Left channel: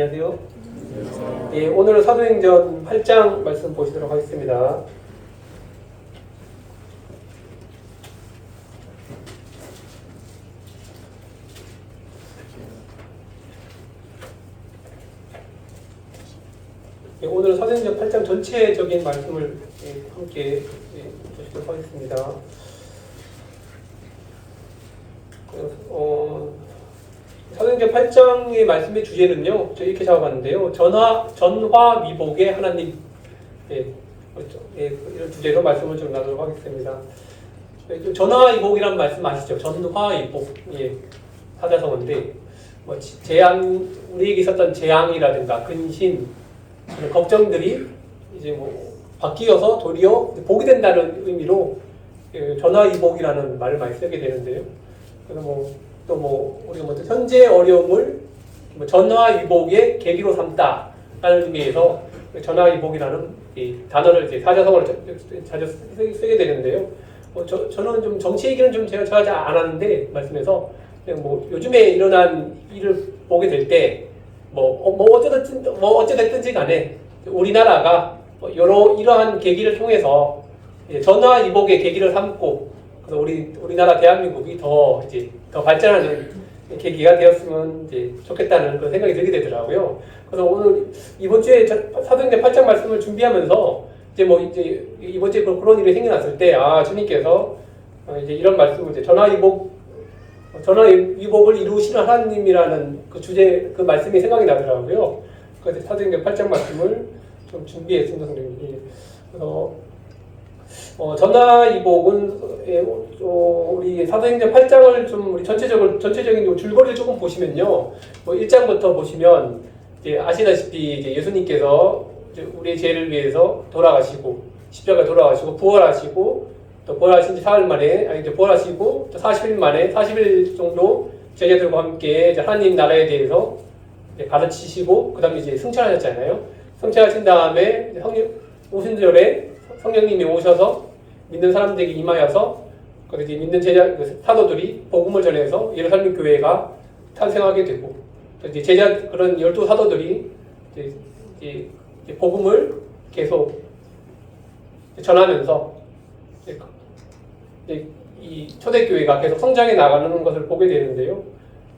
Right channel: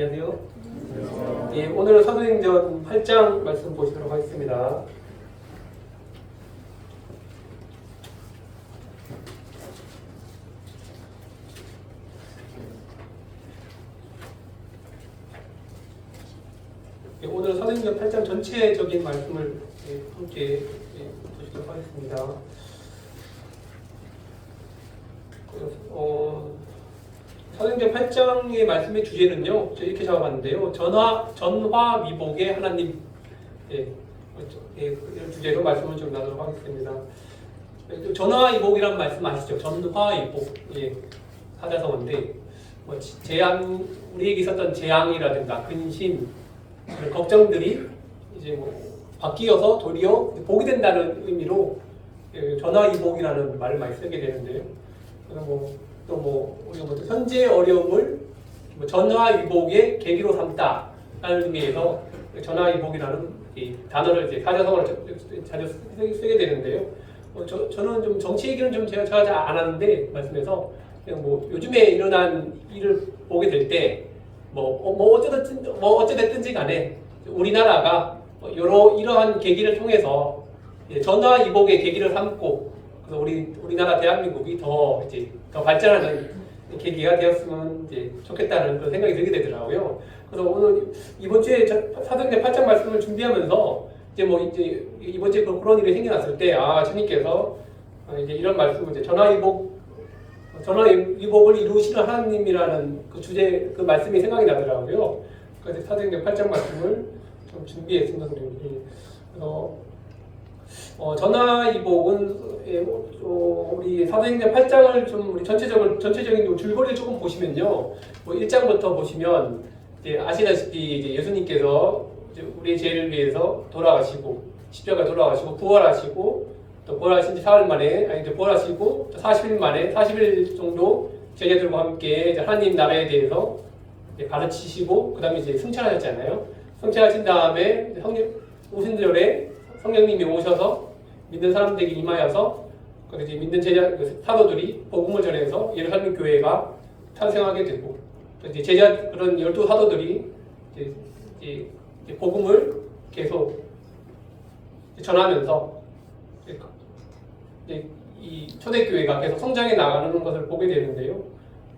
안녕하세요. 예, 오늘은 사도행전 8장 말씀 보시도록 하겠습니다. 예, 오늘은 사도행전 8장 전체적인 말씀을 함께 보시도록 하겠습니다. 사도행전 8장의 말씀의 주제는요, 제가 이렇게 잡아봤는데요. 전화위복의 하나님, 이런 주제로 말씀을 좀 나누도록 하겠습니다. 전화위복이라는 말씀 아시죠? 전화위복, 사자성어인데, 재앙, 우리에게 있었던 재앙이라든가 근심, 이런 걱정들이 이제 바뀌어서 도리어 복이 된다는 의미로 전화위복이라는 말을 많이 쓰게 되는데요. 그래서 우리가 현재 어려움을 전화위복의 계기로 삼다라는 의미에서 전화위복이라는 이 단어를 이제 사자성어로 자주 쓰게 되는데요. 저는 좀 정치 얘기는 좀 제가 잘 안 하는데 말씀에서 그냥 요즘에 일어난 일을 보게 될 때 어찌됐든지 간에 우리나라가 이러한 계기를 통해서 전화위복의 계기를 삼고 그래서 우리나라 대한민국이 더 발전하는 계기가 되었으면 이제 좋겠다는 그런 생각이 들게 되더라고요. 그래서 오늘 이번 주에 사도행전 8장 말씀을 준비하면서 이제 이번 주에 그런 일이 생겨났을 때 주님께서 이제 이런 말씀을 전화위복을 이루시는 하나님이라는 그 주제 그 말씀이 생각이 나더라고요. 그래서 사도행전 8장 말씀을 좀 준비했습니다, 선생님. 그래서 전화위복은 우리 사도행전 8장을 좀 우리 전체적인 줄거리를 조금 보시면요, 1장부터 보시면 이제 아시다시피 이제 예수님께서 이제 우리의 죄를 위해서 돌아가시고 십자가 돌아가시고 부활하시고 또 부활하신 지 사흘 만에 부활하시고 또 40일 만에 40일 정도 제자들과 함께 이제 하나님 나라에 대해서 가르치시고 그다음에 이제 승천하셨잖아요. 승천하신 다음에 오순절에 성령님이 오셔서 믿는 사람들에게 임하여서 이제 믿는 사도들이 복음을 전해서 예루살렘 교회가 탄생하게 되고 이제 그런 12사도들이 이제 복음을 계속 전하면서 이 초대교회가 계속 성장해 나가는 것을 보게 되는데요.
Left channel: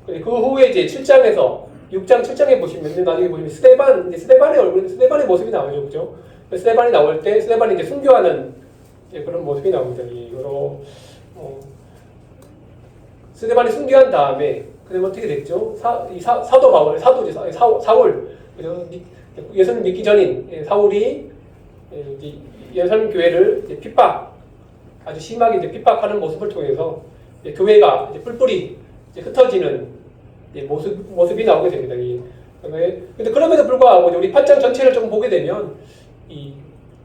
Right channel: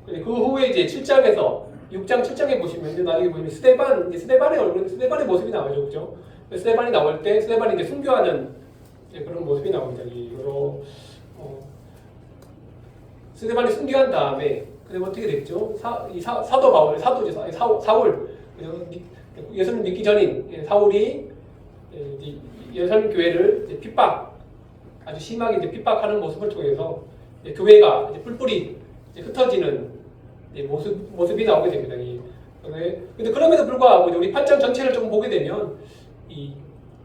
그 후에 이제 7장에서 6장 7장에 보시면 나중에 보시면 스데반의 모습이 나오죠, 그죠? 스데반이 나올 때 스데반이 이제 순교하는 그런 모습이 나옵니다. 스데반이 순교한 다음에 그다음에 어떻게 됐죠? 사도 바울, 사울, 예수님 믿기 전인 사울이 예루살렘 교회를 아주 심하게 핍박하는 모습을 통해서 교회가 뿔뿔이 흩어지는 모습이 나오게 됩니다. 근데 그럼에도 불구하고 우리 8장 전체를 좀 보게 되면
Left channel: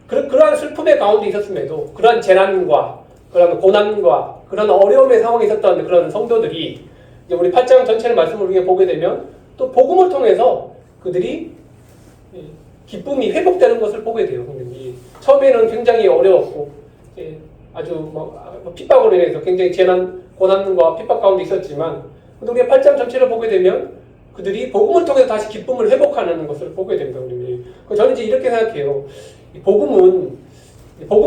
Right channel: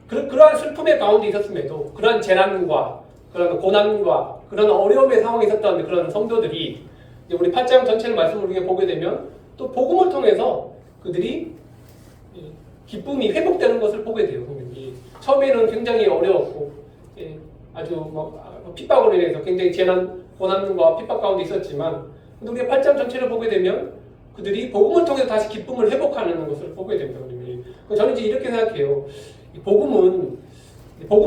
그러한 슬픔의 가운데 있었음에도 그러한 재난과 그런 고난과 그런 어려움의 상황에 있었던 그런 성도들이 우리 8장 전체를 말씀을 우리가 보게 되면 또 복음을 통해서 그들이 기쁨이 회복되는 것을 보게 돼요. 처음에는 굉장히 어려웠고 아주 핍박으로 인해서 굉장히 재난, 고난과 핍박 가운데 있었지만 우리가 8장 전체를 보게 되면 그들이 복음을 통해서 다시 기쁨을 회복하는 것을 보게 됩니다. 저는 이제 이렇게 생각해요. 복음은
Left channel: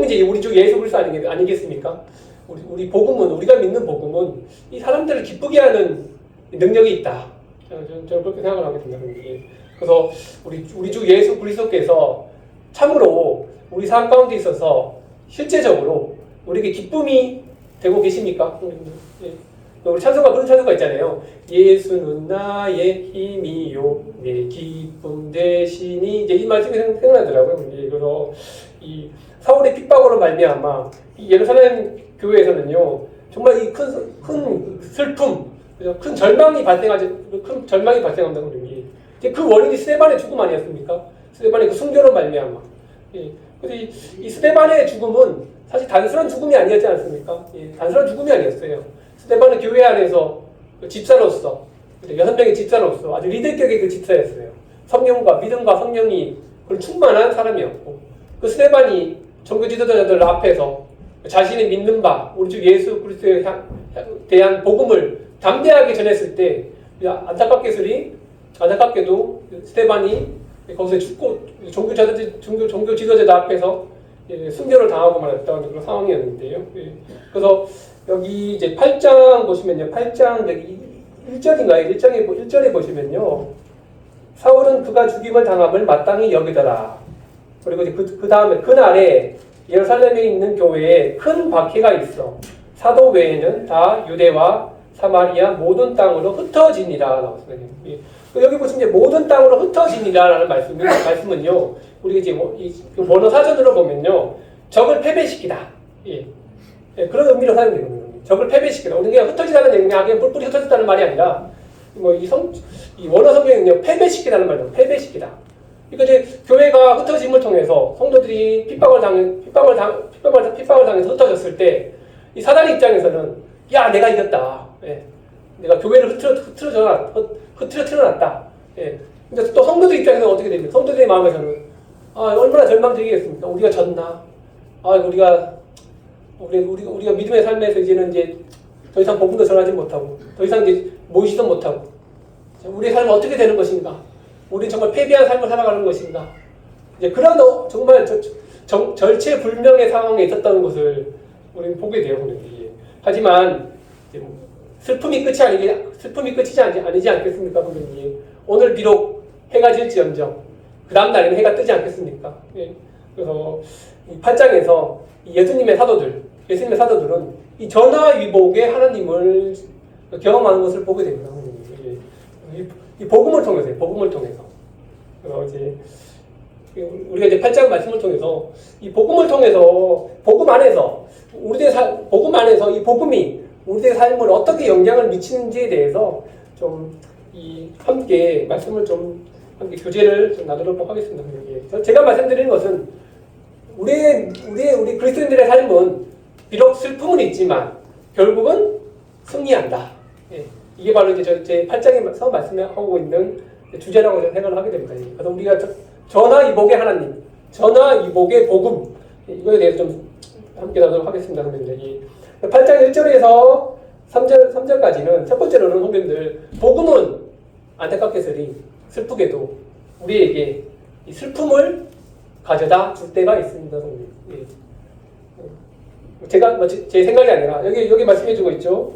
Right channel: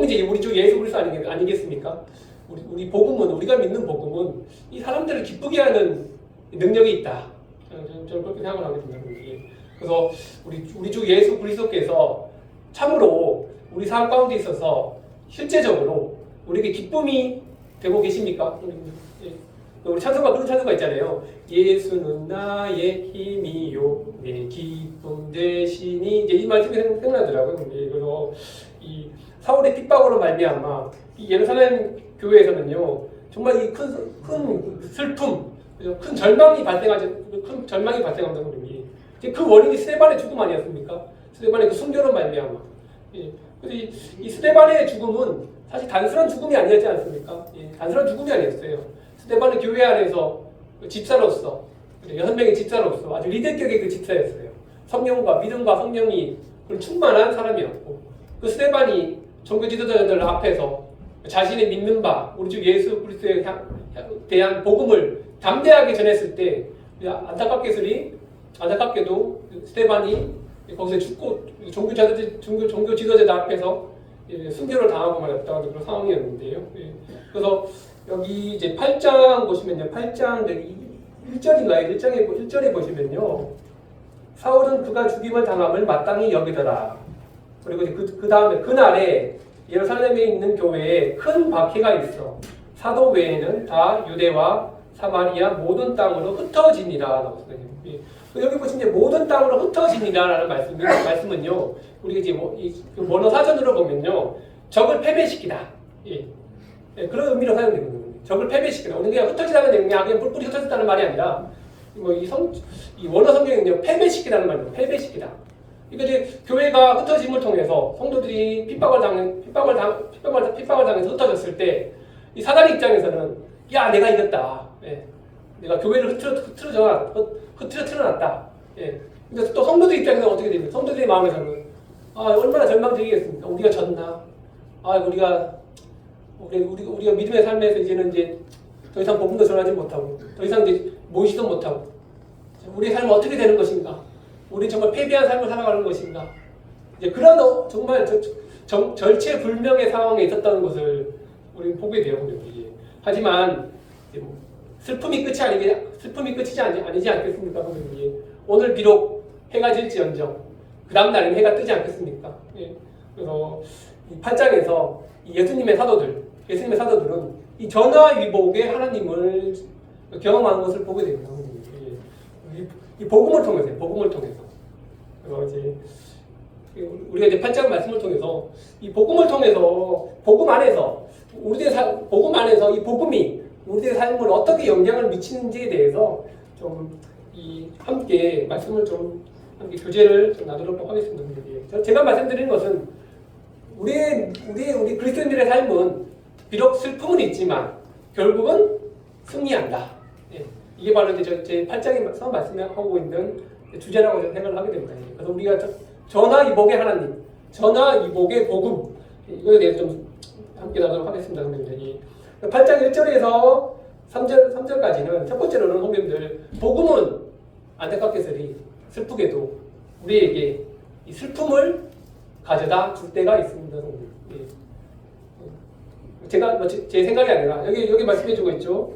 이제 우리 주 예수 그리스도 아니겠습니까? 우리 복음은, 우리가 믿는 복음은 이 사람들을 기쁘게 하는 능력이 있다. 저는 그렇게 생각을 하게 됩니다. 그래서 우리 주 예수 그리스도께서 참으로 우리 삶 가운데 있어서 실제적으로 우리에게 기쁨이 되고 계십니까? 우리 찬송가 그런 찬송가 있잖아요. 예수는 나의 힘이요 내 기쁨 되시니 이제 이 말씀이 생각나더라고요. 그래서 이 사울의 핍박으로 말미암아 이 예루살렘 교회에서는요 정말 이 큰 슬픔, 큰 절망이 발생한다는 거예요. 그 원인이 스데반의 죽음 아니었습니까? 스데반의 그 순교로 말미암아. 그래서 이 스데반의 죽음은 사실 단순한 죽음이 아니었지 않습니까? 단순한 죽음이 아니었어요. 스데반은 교회 안에서 집사로서 6명의 집사로서 아주 리더격의 그 집사였어요. 성령과 믿음과 성령이 충만한 사람이었고 그 스데반이 종교 지도자들 앞에서 자신이 믿는 바 우리 주 예수 그리스도에 대한 복음을 담대하게 전했을 때 안타깝게도 스테반이 거기서 죽고 종교 지도자들 앞에서 순교를 당하고 말았다는 그런 상황이었는데요. 그래서 여기 이제 8장 보시면요. 8장 1절인가요? 1절에 보시면요. 사울은 그가 죽임을 당함을 마땅히 여기더라. 그리고 그 다음에 그날에 예루살렘에 있는 교회에 큰 박해가 있어. 사도 외에는 다 유대와 사마리아 모든 땅으로 흩어지니라. 여기 보시면 모든 땅으로 흩어지니라라는 말씀은요. 우리가 이제 원어 사전으로 보면요. 적을 패배시키다. 그런 의미로 사용되거든요. 적을 패배시키다. 우리가 그냥 흩어지다는 얘기가 그냥 뿔뿔이 흩어졌다는 말이 아니라 이 원어 성경은요. 패배시키다는 말이에요. 패배시키다. 그러니까 이제 교회가 흩어짐을 통해서 성도들이 핍박을 당해서 흩어졌을 때 이 사단의 입장에서는 야 내가 이겼다. 내가 교회를 흐트러놨다. 근데 또 성도들 입장에서는 어떻게 됩니까? 성도들의 마음에서는 얼마나 절망적이겠습니까? 우리가 졌나? 우리가 믿음의 삶에서 이제 더 이상 복음도 전하지 못하고 더 이상 이제 모이지도 못하고 우리의 삶은 어떻게 되는 것인가? 우리 정말 패배한 삶을 살아가는 것인가? 이제 그런 정말 절체불명의 상황에 있었다는 것을 우리는 보게 돼요. 하지만 슬픔이 끝이지 않겠습니까? 오늘 비록 해가 질지언정 그 다음 날에는 해가 뜨지 않겠습니까? 그래서 이 8장에서 예수님의 사도들은 이 전화위복의 하나님을 경험하는 것을 보게 됩니다. 이 복음을 통해서. 이제 우리가 이제 8장 말씀을 통해서 이 복음을 통해서 복음 안에서 이 복음이 우리의 삶을 어떻게 영향을 미치는지에 대해서 좀 함께 말씀을 함께 교제를 나누도록 하겠습니다. 제가 말씀드리는 것은 우리 그리스도인들의 삶은 비록 슬픔은 있지만 결국은 승리한다. 이게 바로 이제 제 8장에서 말씀하고 있는 주제라고 생각을 하게 됩니다. 그래서 우리가 전화위복의 하나님, 전화위복의 복음 이거에 대해서 좀 함께 나누도록 하겠습니다. 8장 1절에서 3절까지는 첫 번째로는 성도님들 복음은 안타깝게서리 슬프게도 우리에게 이 슬픔을 가져다 줄 때가 있습니다. 제가 제 생각이 아니라 여기 말씀해주고 있죠.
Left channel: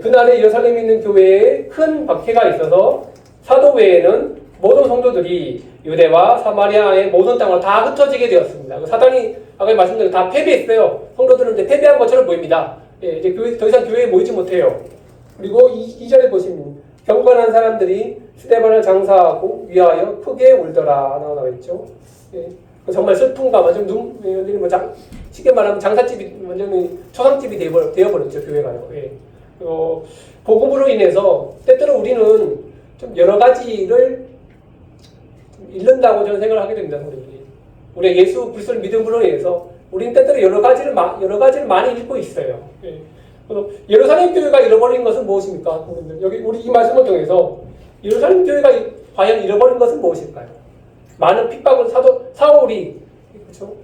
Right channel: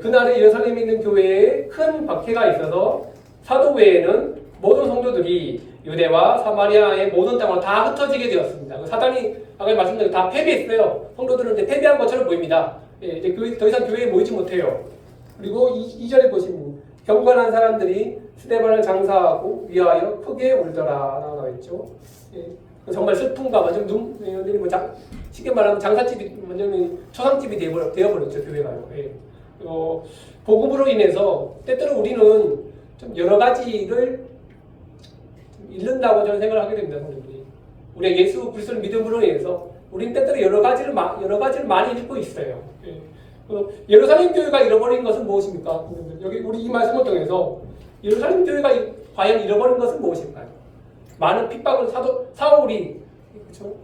그날에 예루살렘에 있는 교회에 큰 박해가 있어서 사도 외에는 모든 성도들이 유대와 사마리아의 모든 땅으로 다 흩어지게 되었습니다. 사단이 아까 말씀드린 다 패배했어요. 성도들은 이제 패배한 것처럼 보입니다. 이제 더 이상 교회에 모이지 못해요. 그리고 2절에 보시면 경건한 사람들이 스데반을 장사하고 위하여 크게 울더라 나와 있죠. 정말 슬픔과 완전 쉽게 말하면 장사집이 완전히 초상집이 되어버렸죠 교회가요. 복음으로 인해서 때때로 우리는 좀 여러 가지를 잃는다고 저는 생각을 하게 됩니다. 우리가 예수 그리스도를 믿음으로 인해서 우리는 때때로 여러 가지를 많이 잃고 있어요. 그래서 예루살렘 교회가 잃어버린 것은 무엇입니까? 여기 우리 이 말씀을 통해서 예루살렘 교회가 과연 잃어버린 것은 무엇일까요? 많은 핍박을 사울이 그렇죠?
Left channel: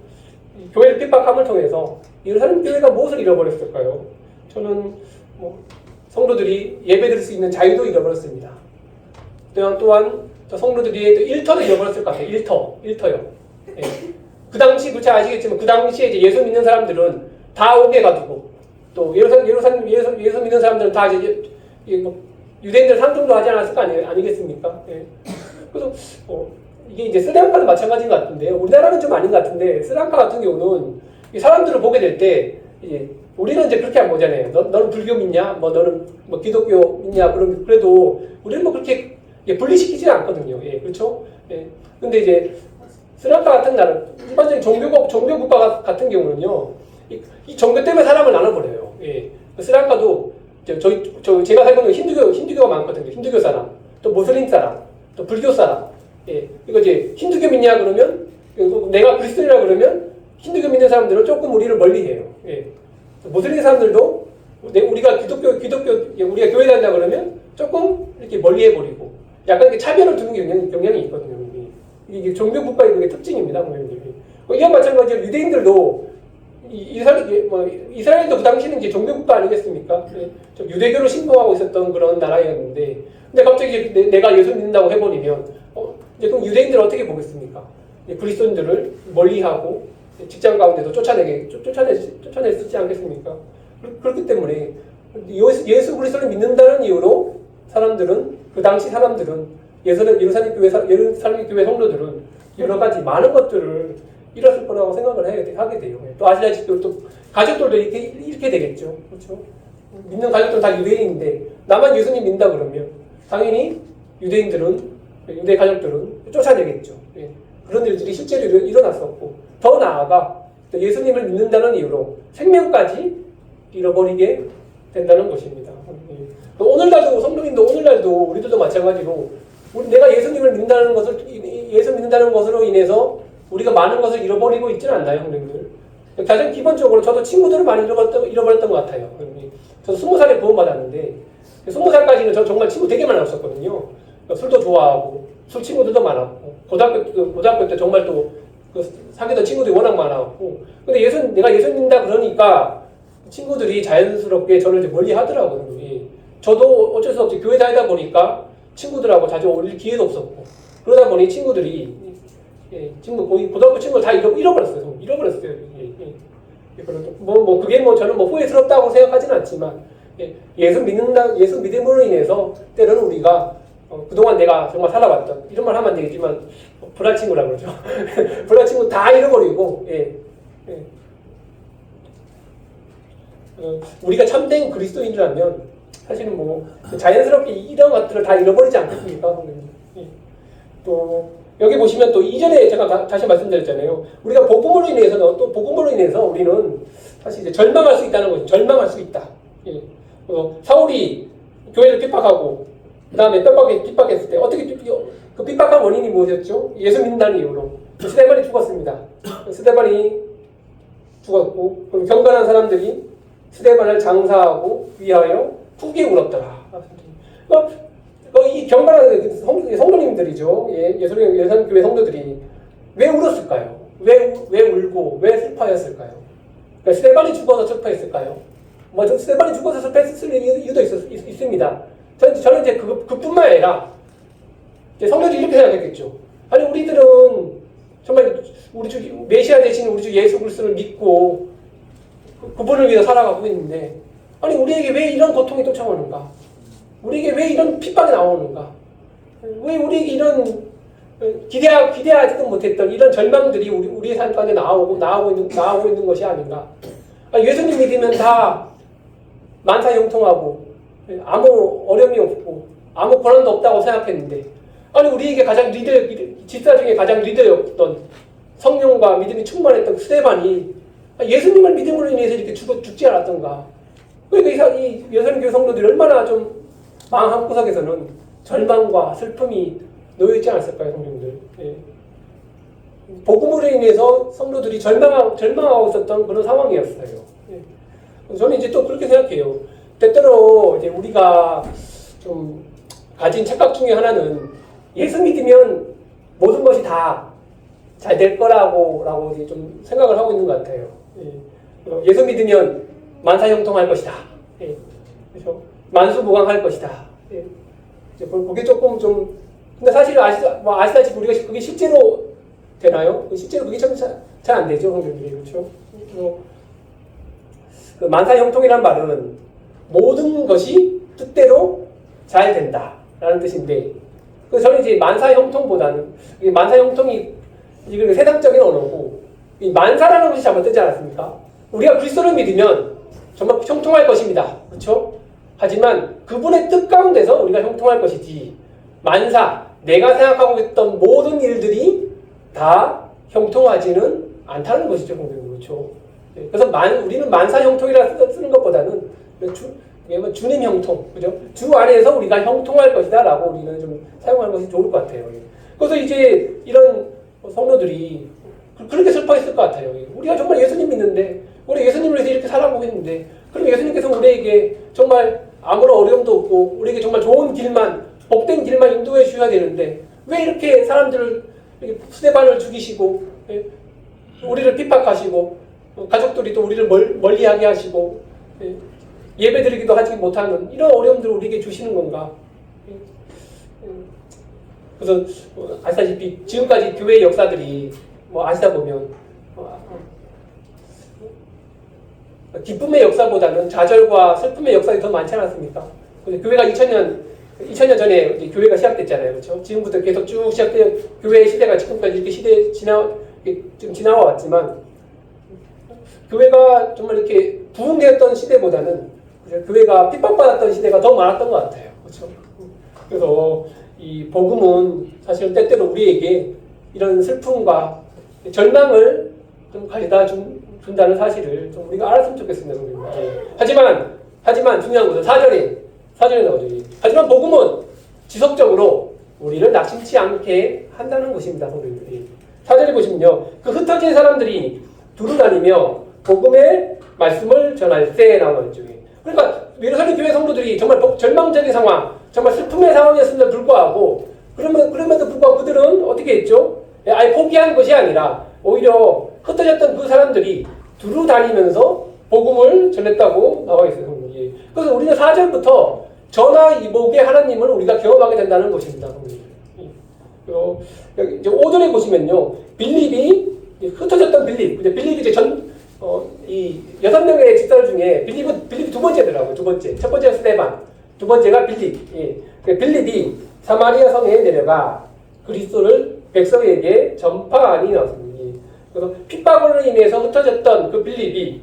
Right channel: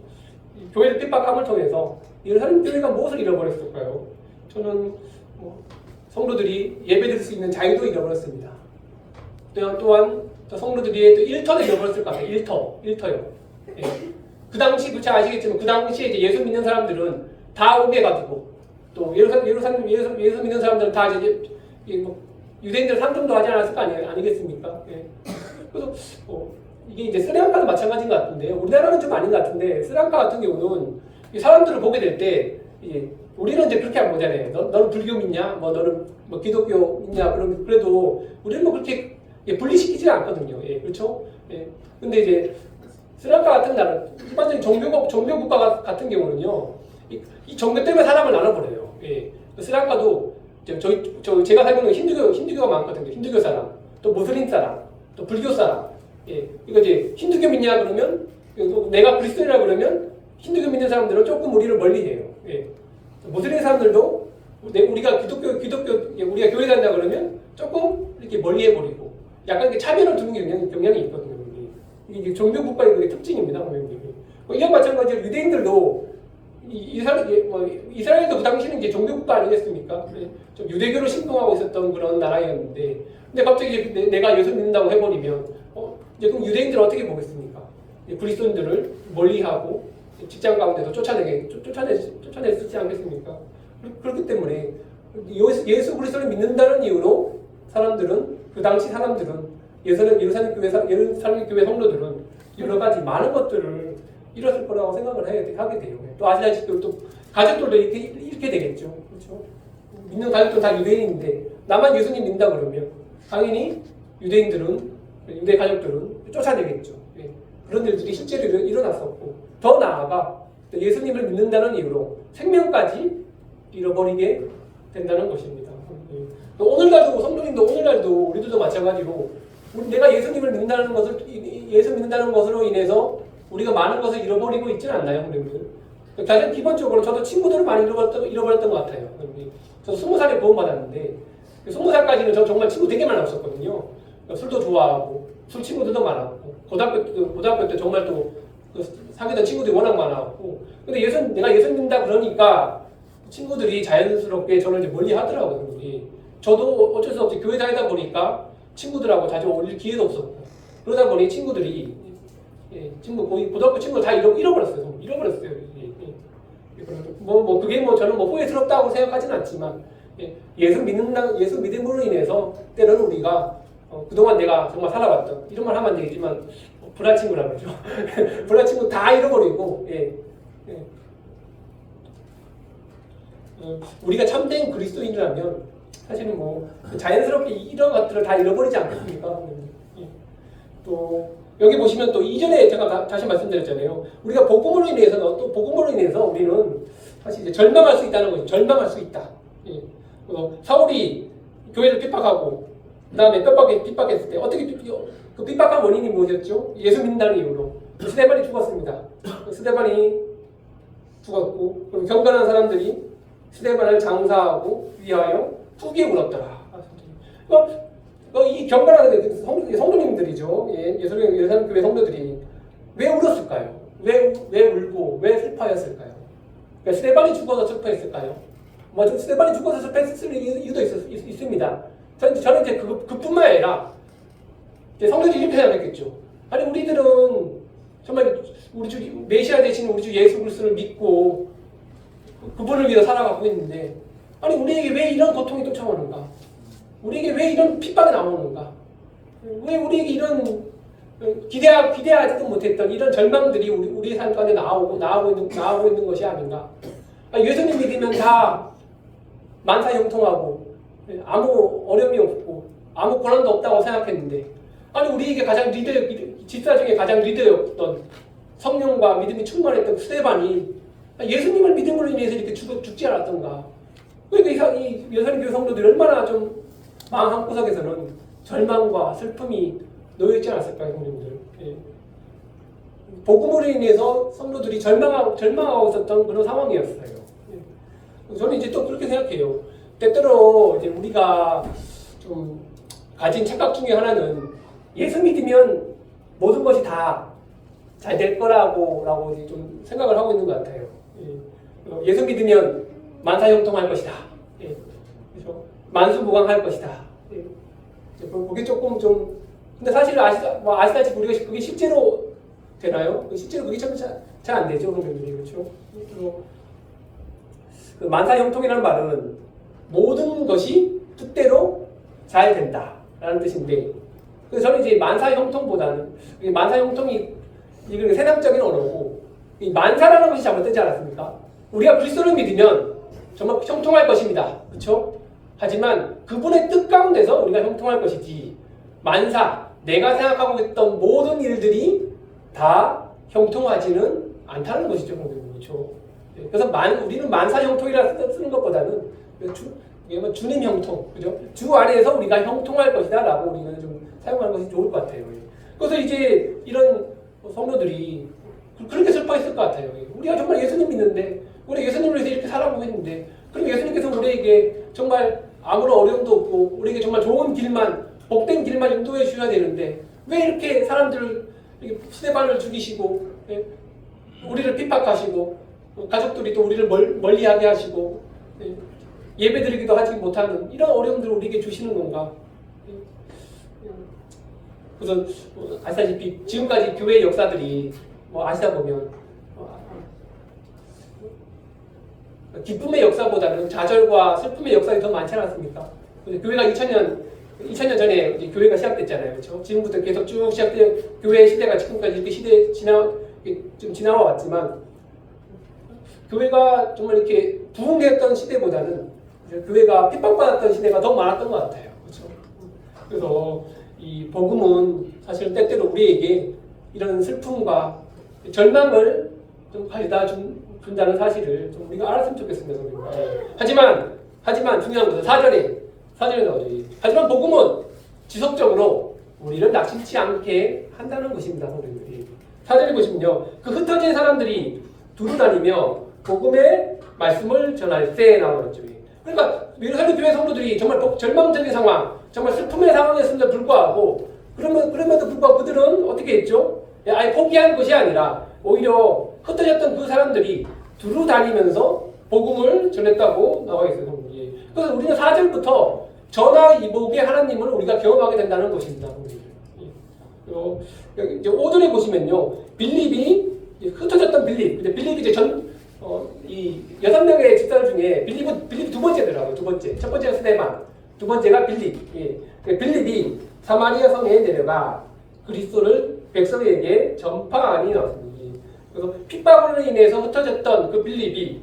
교회를 핍박함을 통해서 예루살렘 교회가 무엇을 잃어버렸을까요? 저는 성도들이 예배드릴 수 있는 자유도 잃어버렸습니다. 또한 성도들이 일터도 잃어버렸을 것 같아요. 일터요. 그 당시 그렇지 아시겠지만 그 당시에 이제 예수 믿는 사람들은 다 옥에 가두고 또 예수 믿는 사람들은 다 이제 유대인들 상종도 하지 않았을 거 아니겠습니까? 그래서 이게 이제 스리랑카도 마찬가지인 것 같은데요. 우리나라는 좀 아닌 것 같은데 스리랑카 같은 경우는 이 사람들을 보게 될 때 우리는 이제 그렇게 안 보잖아요. 너는 불교 믿냐? 너는 기독교 믿냐? 그래도 우리는 그렇게 분리시키지 않거든요. 그렇죠? 근데 이제 스리랑카 같은 나라, 일반적인 종교 국가 같은 경우는요, 이 종교 때문에 사람을 나눠버려요. 스리랑카도 제가 살고 있는 힌두교가 많거든요. 힌두교 사람, 또 무슬림 사람, 또 불교 사람. 이거 이제 힌두교 믿냐 그러면 내가 그리스도인이라 그러면 힌두교 믿는 사람들은 조금 우리를 멀리해요. 무슬림 사람들도 우리가 우리가 교회 다닌다 그러면 조금 이렇게 멀리해버리고 약간 이렇게 차별을 두는 경향이 있거든요. 이게 종교 국가의 특징입니다. 이와 마찬가지로 유대인들도 이스라엘도 그 당시는 이제 종교국가 아니겠습니까? 좀 유대교를 신봉하고 있었던 그런 나라였는데, 근데 갑자기 이제 내가 예수 믿는다고 해버리면, 이제 그럼 유대인들은 어떻게 보겠습니까? 그리스도인들을 멀리하고 직장 가운데도 쫓아내지 않겠습니까? 그렇기 때문에 예수 그리스도를 믿는다는 이유로 사람들은, 그 당시 사람들은, 예루살렘 교회 성도들은 여러 가지 많은 것들을 잃었을 거라고 생각을 하게 돼요. 또 아시다시피 또 가족들도 이렇게 되겠죠. 그렇죠? 믿는 가족들은 다 유대인인데 나만 예수님 믿는다 그러면 당연히 유대 가족들은 쫓아내겠죠. 예. 그런 일들이 실제로 일어났었고, 더 나아가 예수님을 믿는다는 이유로 생명까지 잃어버리게 된다는 것입니다. 또 오늘날도 성도님도 오늘날도 우리들도 마찬가지로 내가 예수님을 믿는다는 것으로 인해서 우리가 많은 것을 잃어버리고 있지는 않나요, 형님들? 가장 기본적으로 저도 친구들을 많이 잃어버렸던 것 같아요. 저도 20살에 구원받았는데 20살까지는 저 정말 친구 되게 많이 없었거든요. 술도 좋아하고 술 친구들도 많았고 고등학교 때 정말 또 사귀던 친구들이 워낙 많았고, 근데 내가 예수 믿는다 그러니까 친구들이 자연스럽게 저를 이제 멀리 하더라고요. 저도 어쩔 수 없이 교회 다니다 보니까 친구들하고 자주 어울릴 기회도 없었고, 그러다 보니 친구들이 거의 고등학교 친구를 다 잃어버렸어요. 그게 저는 후회스럽다고 생각하지는 않지만, 예수 믿음으로 인해서 때로는 우리가 그동안 내가 정말 살아왔던, 이런 말 하면 안 되겠지만 불알 친구라 그러죠. 불알 친구 다 잃어버리고, 우리가 참된 그리스도인이라면 사실은 자연스럽게 이런 것들을 다 잃어버리지 않겠습니까? 또 여기 보시면 또 이전에 제가 다시 말씀드렸잖아요. 우리가 복음으로 인해서 우리는 사실 이제 절망할 수 있다는 거죠. 절망할 수 있다. 사울이 교회를 핍박하고 그 다음에 핍박했을 때 어떻게 그 핍박한 원인이 무엇이었죠? 예수 믿는다는 이유로 스데반이 죽었습니다. 스데반이 죽었고, 그럼 경건한 사람들이 스데반을 장사하고 위하여 후기에 울었더라. 이 경건한 성도님들이죠. 예수님 교회 성도들이 왜 울었을까요? 왜 울고 왜 슬퍼했을까요? 그러니까 스데반이 죽어서 슬퍼했을까요? 스데반이 죽어서 슬퍼했을 이유도 있습니다. 저는 이제 그뿐만 아니라 성도들이 이렇게 생각했겠죠. 아니 우리들은 정말 우리 주 메시아 되신 우리 주 예수 그리스도를 믿고 그분을 위해 살아가고 있는데, 아니 우리에게 왜 이런 고통이 쫓아오는가? 우리에게 왜 이런 핍박이 나오는가? 왜 우리에게 이런 기대하지도 못했던 이런 절망들이 우리 삶 가운데 나오고 있는 것이 아닌가? 예수님 믿으면 다 만사형통하고 아무 어려움이 없고 아무 고난도 없다고 생각했는데, 아니 우리에게 가장 집사 중에 가장 리더였던 성령과 믿음이 충만했던 스데반이 예수님을 믿음으로 인해서 이렇게 죽지 않았던가? 그러니까 이 예수님교회 성도들이 얼마나 좀 마음 한구석에서는 절망과 슬픔이 놓여있지 않았을까요, 성도들? 복음으로 인해서 성도들이 절망하고 있었던 그런 상황이었어요. 저는 이제 또 그렇게 생각해요. 때때로 이제 우리가 좀 가진 착각 중에 하나는 예수 믿으면 모든 것이 다 잘 될 거라고 이제 좀 생각을 하고 있는 것 같아요. 예수 믿으면 만사형통할 것이다. 그렇죠? 만수무강할 것이다. 그게 조금 좀, 근데 사실 아시다시피 우리가 그게 실제로 되나요? 실제로 그게 잘 안 되죠, 성도들이. 그렇죠? 그 만사형통이란 말은 모든 것이 뜻대로 잘 된다라는 뜻인데, 그래서 저는 이제 만사형통보다는, 만사형통이 이건 세상적인 언어고, 이 만사라는 것이 잘못되지 않았습니까? 우리가 그리스도를 믿으면 정말 형통할 것입니다. 그렇죠? 하지만 그분의 뜻 가운데서 우리가 형통할 것이지, 만사, 내가 생각하고 있던 모든 일들이 다 형통하지는 않다는 것이죠. 그렇죠? 그래서 우리는 만사 형통이라 쓰는 것보다는 주님 형통, 그죠? 주 안에서 우리가 형통할 것이다 라고 우리는 좀 사용하는 것이 좋을 것 같아요. 그래서 이제 이런 성도들이 그렇게 슬퍼했을 것 같아요. 우리가 정말 예수님 믿는데, 우리 예수님을 위해서 이렇게 살아보고 있는데, 그럼 예수님께서 우리에게 정말 아무런 어려움도 없고 우리에게 정말 좋은 길만, 복된 길만 인도해 주셔야 되는데 왜 이렇게 사람들을 스데반을 죽이시고 우리를 핍박하시고 가족들이 또 우리를 멀리하게 하시고 예배드리기도 하지 못하는 이런 어려움들을 우리에게 주시는 건가? 그래서 아시다시피 지금까지 교회의 역사들이 아시다 보면 기쁨의 역사보다는 좌절과 슬픔의 역사가 더 많지 않았습니까? 교회가 2000년 전에 이제 교회가 시작됐잖아요. 그렇죠? 지금부터 계속 쭉 시작된 교회의 시대가 지금까지 이렇게 지금 지나와 왔지만 교회가 정말 이렇게 부흥되었던 시대보다는 교회가 핍박받았던 시대가 더 많았던 것 같아요. 그렇죠? 그래서 이 복음은 사실은 때때로 우리에게 이런 슬픔과 절망을 좀 가져다 준다는 사실을 좀 우리가 알았으면 좋겠습니다. 하지만 중요한 것은 사전에 나오죠. 하지만 복음은 지속적으로 우리를 낙심치 않게 한다는 것입니다. 성도님들이. 사전에 보시면요. 그 흩어진 사람들이 두루 다니며 복음의 말씀을 전할 때 나오죠. 그러니까 예루살렘 교회 성도들이 정말 절망적인 상황, 정말 슬픔의 상황이었음에도 불구하고 그럼에도 불구하고 그들은 어떻게 했죠? 아예 포기한 것이 아니라 오히려 흩어졌던 그 사람들이 두루 다니면서 복음을 전했다고 나와 있어요. 그래서 우리는 4절부터 전화 이복의 하나님을 우리가 경험하게 된다는 것입니다. 여기 이제 5절에 보시면요. 빌립이 흩어졌던 빌립이 이제 이 6명의 집사들 중에 빌립이 두 번째더라고요. 두 번째. 첫 번째가 스데반, 두 번째가 빌립. 빌립이 사마리아 성에 내려가 그리스도를 백성에게 전파하니 나왔습니다. 그래서 핍박으로 인해서 흩어졌던 그 빌립이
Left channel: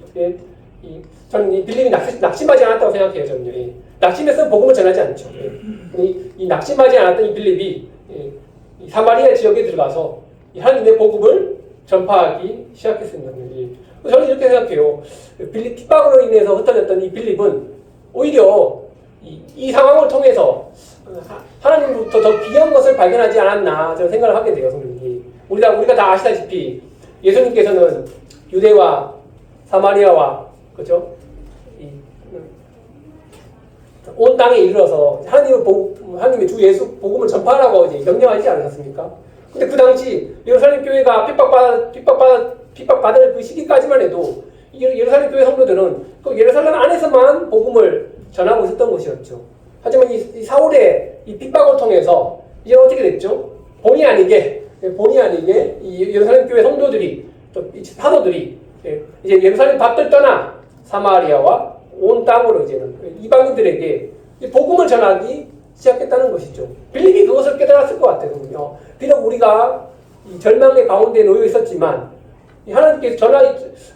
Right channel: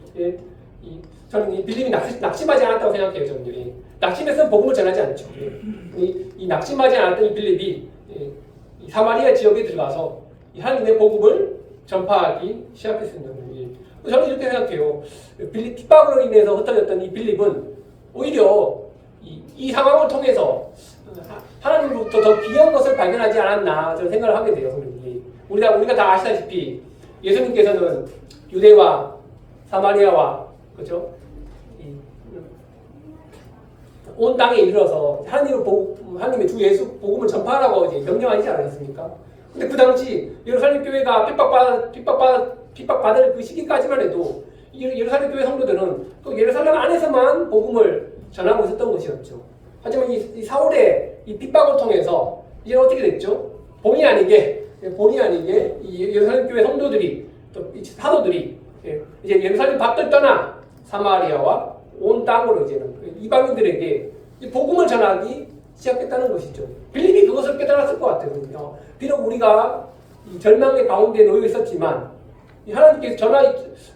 저는 이 빌립이 낙심하지 않았다고 생각해요. 저는 낙심해서 복음을 전하지 않죠. 이 낙심하지 않았던 이 빌립이 이 사마리아 지역에 들어가서 하나님의 복음을 전파하기 시작했습니다. 저는 이렇게 생각해요. 핍박으로 인해서 흩어졌던 이 빌립은 오히려 이 상황을 통해서 하나님으로부터 더 귀한 것을 발견하지 않았나 저는 생각을 하게 돼요. 우리가 다 아시다시피 예수님께서는 유대와 사마리아와 그죠? 온 땅에 이르러서 하나님의 주 예수 복음을 전파하라고 이제 명령하지 않았습니까? 근데 그 당시 예루살렘 교회가 핍박받을 그 시기까지만 해도 예루살렘 교회 성도들은 그 예루살렘 안에서만 복음을 전하고 있었던 것이었죠. 하지만 이 사울의 이 핍박을 통해서 이제 어떻게 됐죠? 본의 아니게 이 예루살렘 교회 성도들이 사도들이 이제 예루살렘 밖을 떠나 사마리아와 온 땅으로 이제는 이방인들에게 복음을 전하기 시작했다는 것이죠. 빌립이 그것을 깨달았을 것 같아요. 비록 우리가 이 절망의 가운데 놓여 있었지만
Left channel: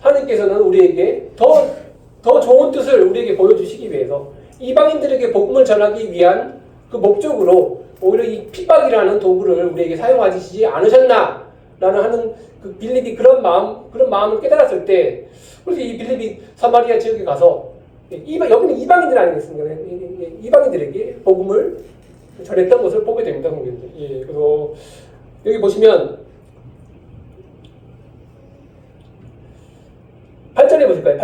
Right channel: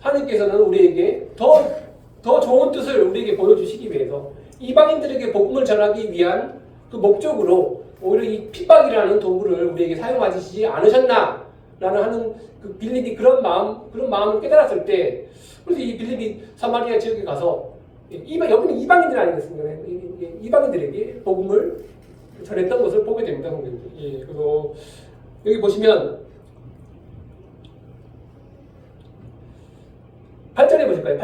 하나님께서는 우리에게 더 좋은 뜻을 우리에게 보여주시기 위해서 이방인들에게 복음을 전하기 위한 그 목적으로 오히려 이 핍박이라는 도구를 우리에게 사용하시지 않으셨나라는 하는 그 빌립이 그런 마음을 깨달았을 때 그래서 이 빌립이 사마리아 지역에 가서 여기는 이방인들 아니겠습니까? 이방인들에게 복음을 전했던 것을 보게 됩니다. 그리고 여기 보시면 8절에 보실까요?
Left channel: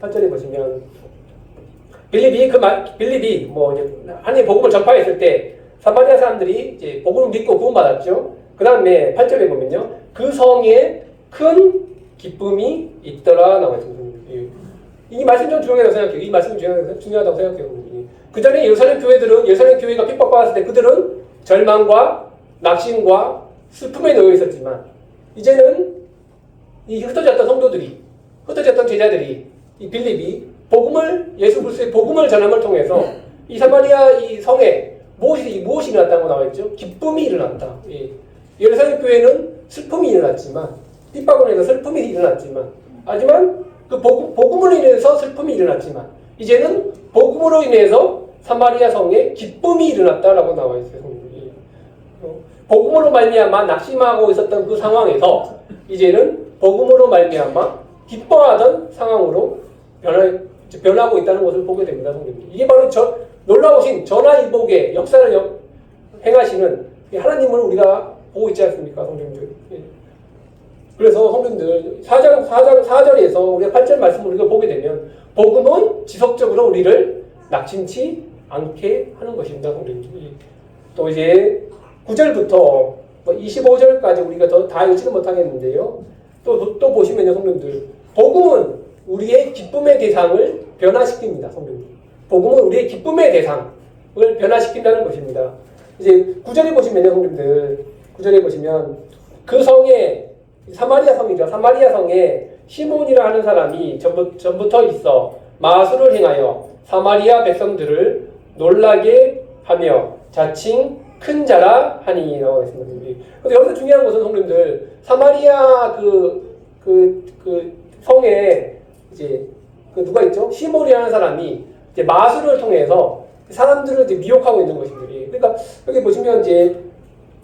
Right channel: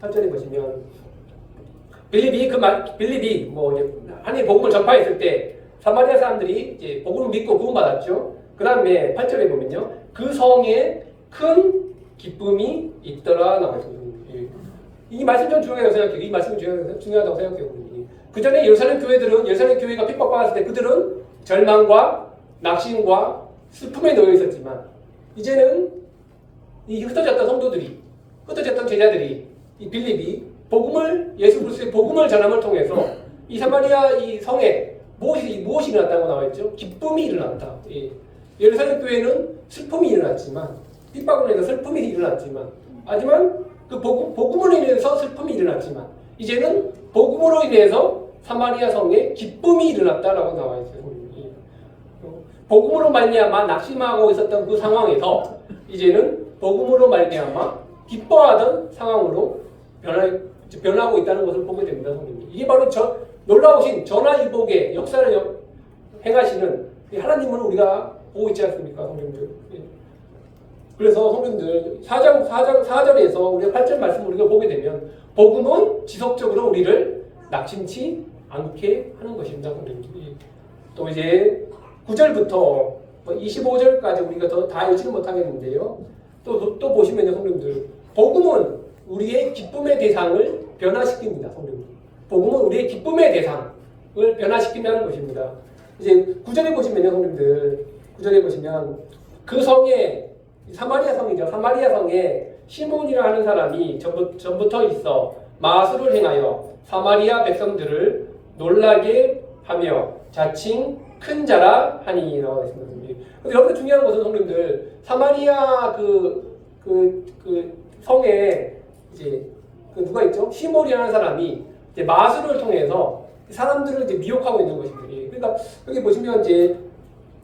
8절에 보시면 빌립이 하나님 복음을 전파했을 때 사마리아 사람들이 이제 복음을 믿고 구원받았죠. 그 다음에 8절에 보면요. 그 성에 큰 기쁨이 있더라 나와 있습니다. 이 말씀 좀 중요하다고 생각해요. 이 말씀이 중요하다고 생각해요. 그 전에 예루살렘 교회가 핍박받았을 때 그들은 절망과 낙심과 슬픔에 놓여 있었지만 이제는 이 흩어졌던 제자들이 이 빌립이 예수 그리스도의 복음을 전함을 통해서 이 사마리아 이 성에 무엇이 일어났다고 나와있죠? 기쁨이 일어났다. 예루살렘 교회는 슬픔이 일어났지만 핍박으로 인해서 슬픔이 일어났지만 하지만 그 복음으로 인해서 슬픔이 일어났지만 이제는 복음으로 인해서 사마리아 성에 기쁨이 일어났다라고 나와 있어요. 복음으로 말미암아 낙심하고 있었던 그 상황에서 이제는 복음으로 말미암아 기뻐하던 상황으로 변하고 있다는 것을 보게 됩니다. 이게 바로 놀라우신 전화위복의 역사를 행하시는 하나님을 우리가 보고 있지 않습니까? 성도님들. 그래서 성도님들 4절에서 우리가 8절 말씀을 우리가 보게 되면 복음은 지속적으로 우리를 낙심치 않게 하는 것입니다. 성도님들. 또 이제 9절부터 25절까지 우리가 다 읽지는 못하겠는데요. 또 보시면요, 성도님들. 복음은 우리의 기쁨의 대상을 변화시킵니다. 성경이. 복음은 우리의 기쁨의 대상을 변화시킨다는 것입니다. 이제 9절에 보시면요, 성님들. 9절에 보시면 그 성에 사마리아 성이죠. 사마리아 성에 시몬이라 하는 사람이 전부터 있어 마술을 행하여 사마리아 백성들을 놀라게 하며 자칭 큰 자라 하니라고 했습니다. 근데 여기서 중요한 것은 성님들 사마리아 그 성에 이제 그 누가 있죠? 시몬이라는 사람이 이제 마술을 통해서 사람들을 이제 미혹하고 있는 것입니다. 그러니까 여기 보시면 이제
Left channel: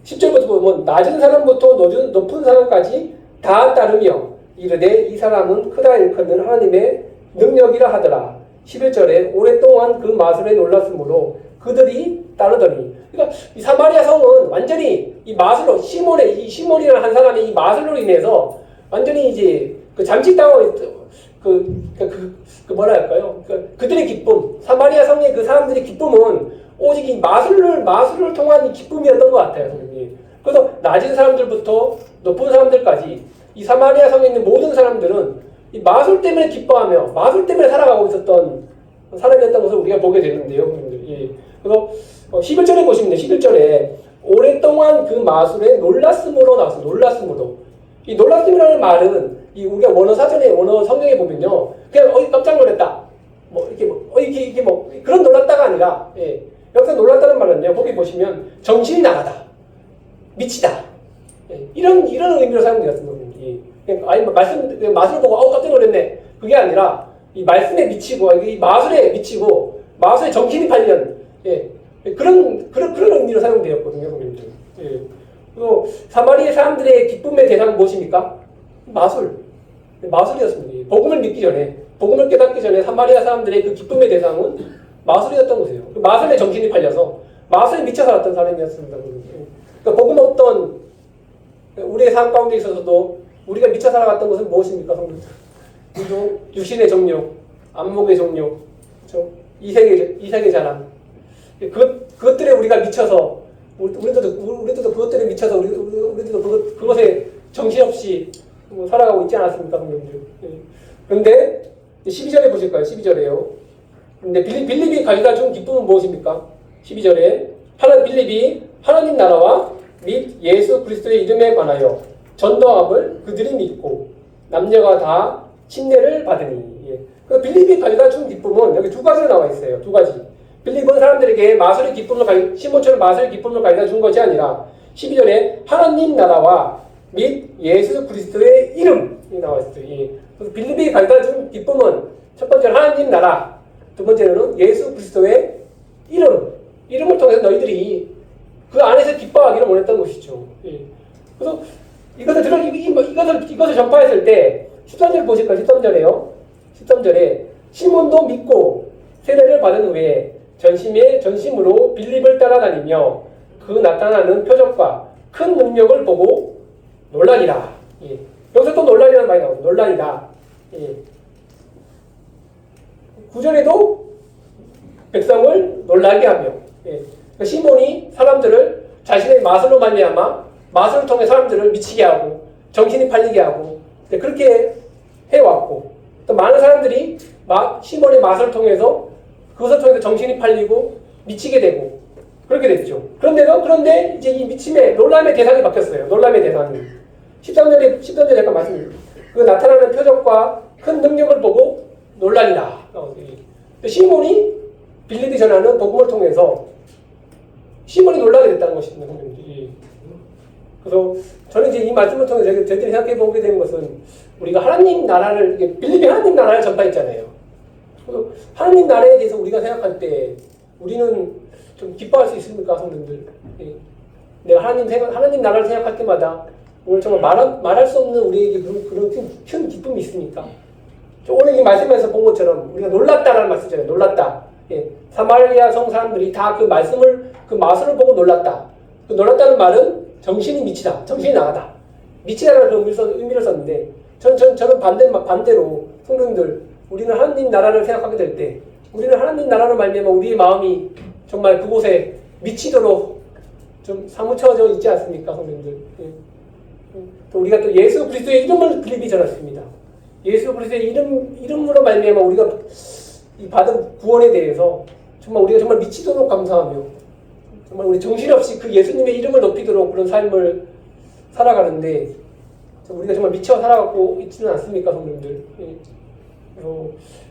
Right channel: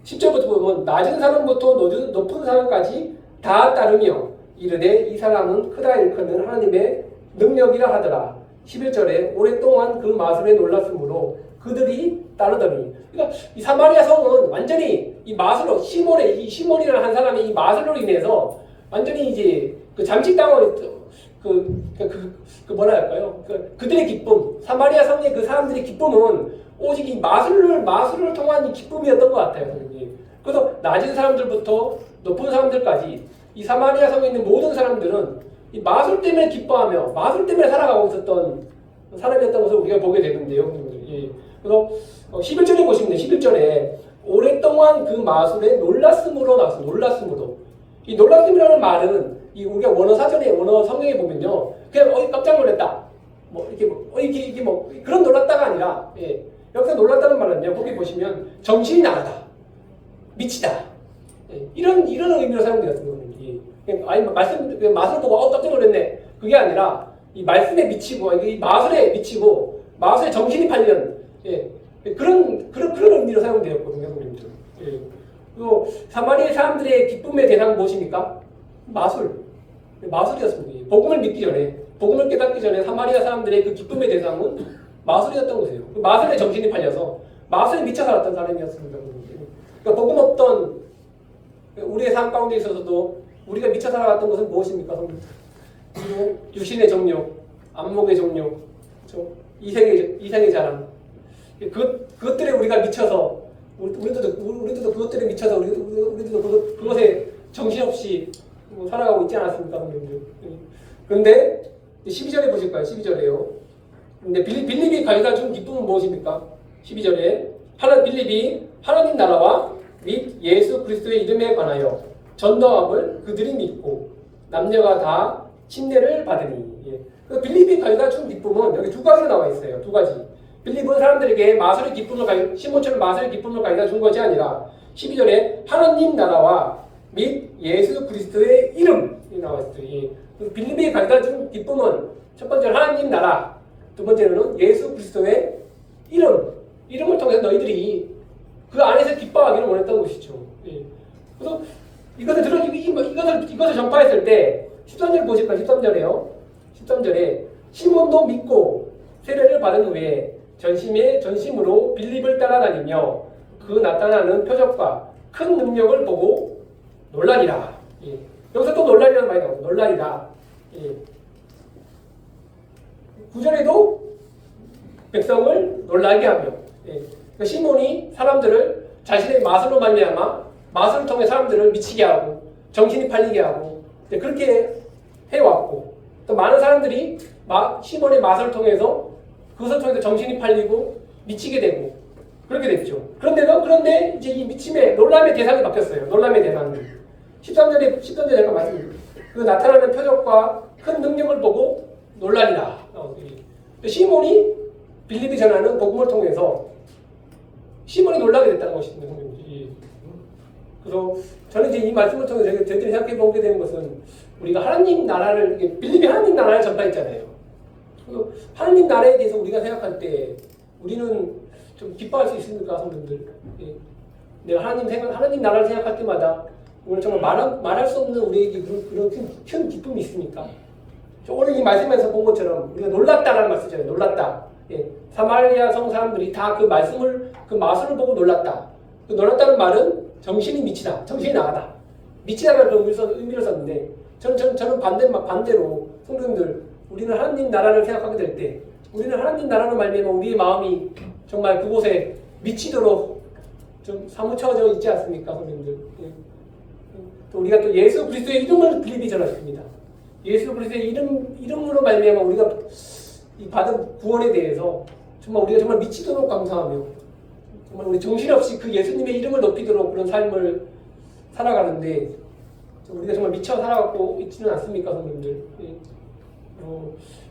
10절부터 보면 낮은 사람부터 높은 사람까지 다 따르며 이르되 이 사람은 크다 일컫는 하나님의 능력이라 하더라. 11절에 오랫동안 그 마술에 놀랐으므로 그들이 따르더니. 그러니까 이 사마리아 성은 완전히 이 마술로 시몬이라는 한 사람이 이 마술로 인해서 완전히 이제 그 잠식당하고 뭐라 할까요? 그들의 기쁨, 사마리아 성의 그 사람들의 기쁨은 오직 이 마술을 통한 이 기쁨이었던 것 같아요. 선생님. 그래서 낮은 사람들부터 높은 사람들까지 이 사마리아 성에 있는 모든 사람들은 이 마술 때문에 기뻐하며 마술 때문에 살아가고 있었던 사람이었던 것을 우리가 보게 되는데요. 예. 그래서 11절에 보시면 11절에 오랫동안 그 마술에 놀랐음으로 나왔어요. 놀랐음으로. 이 놀랐음이라는 말은 이 우리가 원어 사전에 원어 성경에 보면요, 그냥 깜짝 놀랐다, 이게 그런 놀랐다가 아니라, 예, 여기서 놀랐다는 말은요, 거기 보시면 정신이 나가다, 미치다, 예, 이런 의미로 사용되었습니다. 아니 마술을 보고 깜짝 놀랐네, 그게 아니라 이 말씀에 미치고 이 마술에 미치고 마술에 정신이 팔린, 예, 그런 의미로 사용되었거든요, 예. 그리고 사마리아 사람들의 기쁨의 대상은 무엇입니까? 마술이었습니다. 복음을 믿기 전에, 복음을 깨닫기 전에 사마리아 사람들의 그 기쁨의 대상은 마술이었던 것이에요. 그 마술에 정신이 팔려서 마술에 미쳐 살았던 사람이었습니다. 그러니까 복음 없던 우리의 삶 가운데 있어서도 우리가 미쳐 살아갔던 것은 무엇입니까? 육신의 정욕, 안목의 정욕, 그렇죠? 이색의 자랑. 그것들에 우리가 미쳐서 우리도 그것들에 미쳐서 우리도 그것에 정신없이 살아가고 있지 않았습니까? 그런데 12절에 보실까요? 12절에요. 근데 빌립이 가져다 준 기쁨은 무엇입니까? 12절에 빌립이 하나님 나라와 및 예수 그리스도의 이름에 관하여 전도함을 그들이 믿고 남녀가 다 침례를 받으니. 예. 빌립이 가져다 준 기쁨은 여기 두 가지로 나와 있어요. 두 가지. 빌립은 사람들에게 시몬처럼 마술의 기쁨을 가져다 준 것이 아니라 12절에 하나님 나라와 및 예수 그리스도의 이름이 나와 있어요. 빌립이 가져다 준 기쁨은 첫 번째는 하나님 나라, 두 번째는 예수 그리스도의 이름을 통해서 너희들이 그 안에서 기뻐하기를 원했던 것이죠. 예. 그래서 이것을 전파했을 때 13절 보실까요? 13절에요. 13절에 시몬도 믿고 세례를 받은 후에 전심으로 빌립을 따라다니며 그 나타나는 표적과 큰 능력을 보고 놀라니라. 예. 여기서 또 놀라니라는 말이 나오고 놀라니라. 예. 9절에도 백성을 놀라게 하며, 예. 그러니까 시몬이 사람들을 자신의 마술로 말미암아 마술을 통해 사람들을 미치게 하고 정신이 팔리게 하고 그렇게 해왔고, 또 많은 사람들이 시몬의 마술을 통해서 그것을 통해서 정신이 팔리고 미치게 되고 그렇게 됐죠. 그런데 이제 이 미침의 놀람의 대상이 바뀌었어요. 놀람의 대상이 13절에 잠깐 말씀드립니다. 그 나타나는 표적과 큰 능력을 보고 놀라니라. 시몬이 빌립이 전하는 복음을 통해서 시몬이 놀라게 됐다는 것입니다. 그래서 저는 이제 이 말씀을 통해서 저희들이 생각해 보게 되는 것은 우리가 하나님 나라를, 빌립이 하나님 나라를 전파했잖아요. 하나님 나라에 대해서 우리가 생각할 때 우리는 좀 기뻐할 수 있습니까, 성도들? 내가 하나님 나라를 생각할 때마다 오늘 정말 말할 수 없는 우리에게 그런 큰 기쁨이 있습니까? 오늘 이 말씀에서 본 것처럼 우리가 놀랐다라는 말 쓰잖아요. 놀랐다. 예. 사마리아 성 사람들이 다 그 마술을 보고 놀랐다. 그 놀랐다는 말은 정신이 미치다, 정신이 나가다. 미치다라는 그런 의미를 썼는데, 저는 반대로 성도님들, 우리는 하나님 나라를 생각하게 될 때, 우리는 하나님 나라로 말미암아 우리의 마음이 정말 그곳에 미치도록 좀 사무쳐져 있지 않습니까, 성도님들? 예. 또 우리가 또 예수 그리스도의 이름을 빌립이 전했습니다. 예수 그리스도의 이름으로 말미암아 우리가 이 받은 구원에 대해서 정말 우리가 정말 미치도록 감사하며 정말 우리 정신없이 그 예수님의 이름을 높이도록 그런 삶을 살아가는데 우리가 정말 미쳐 살아가고 있지는 않습니까, 성도님들?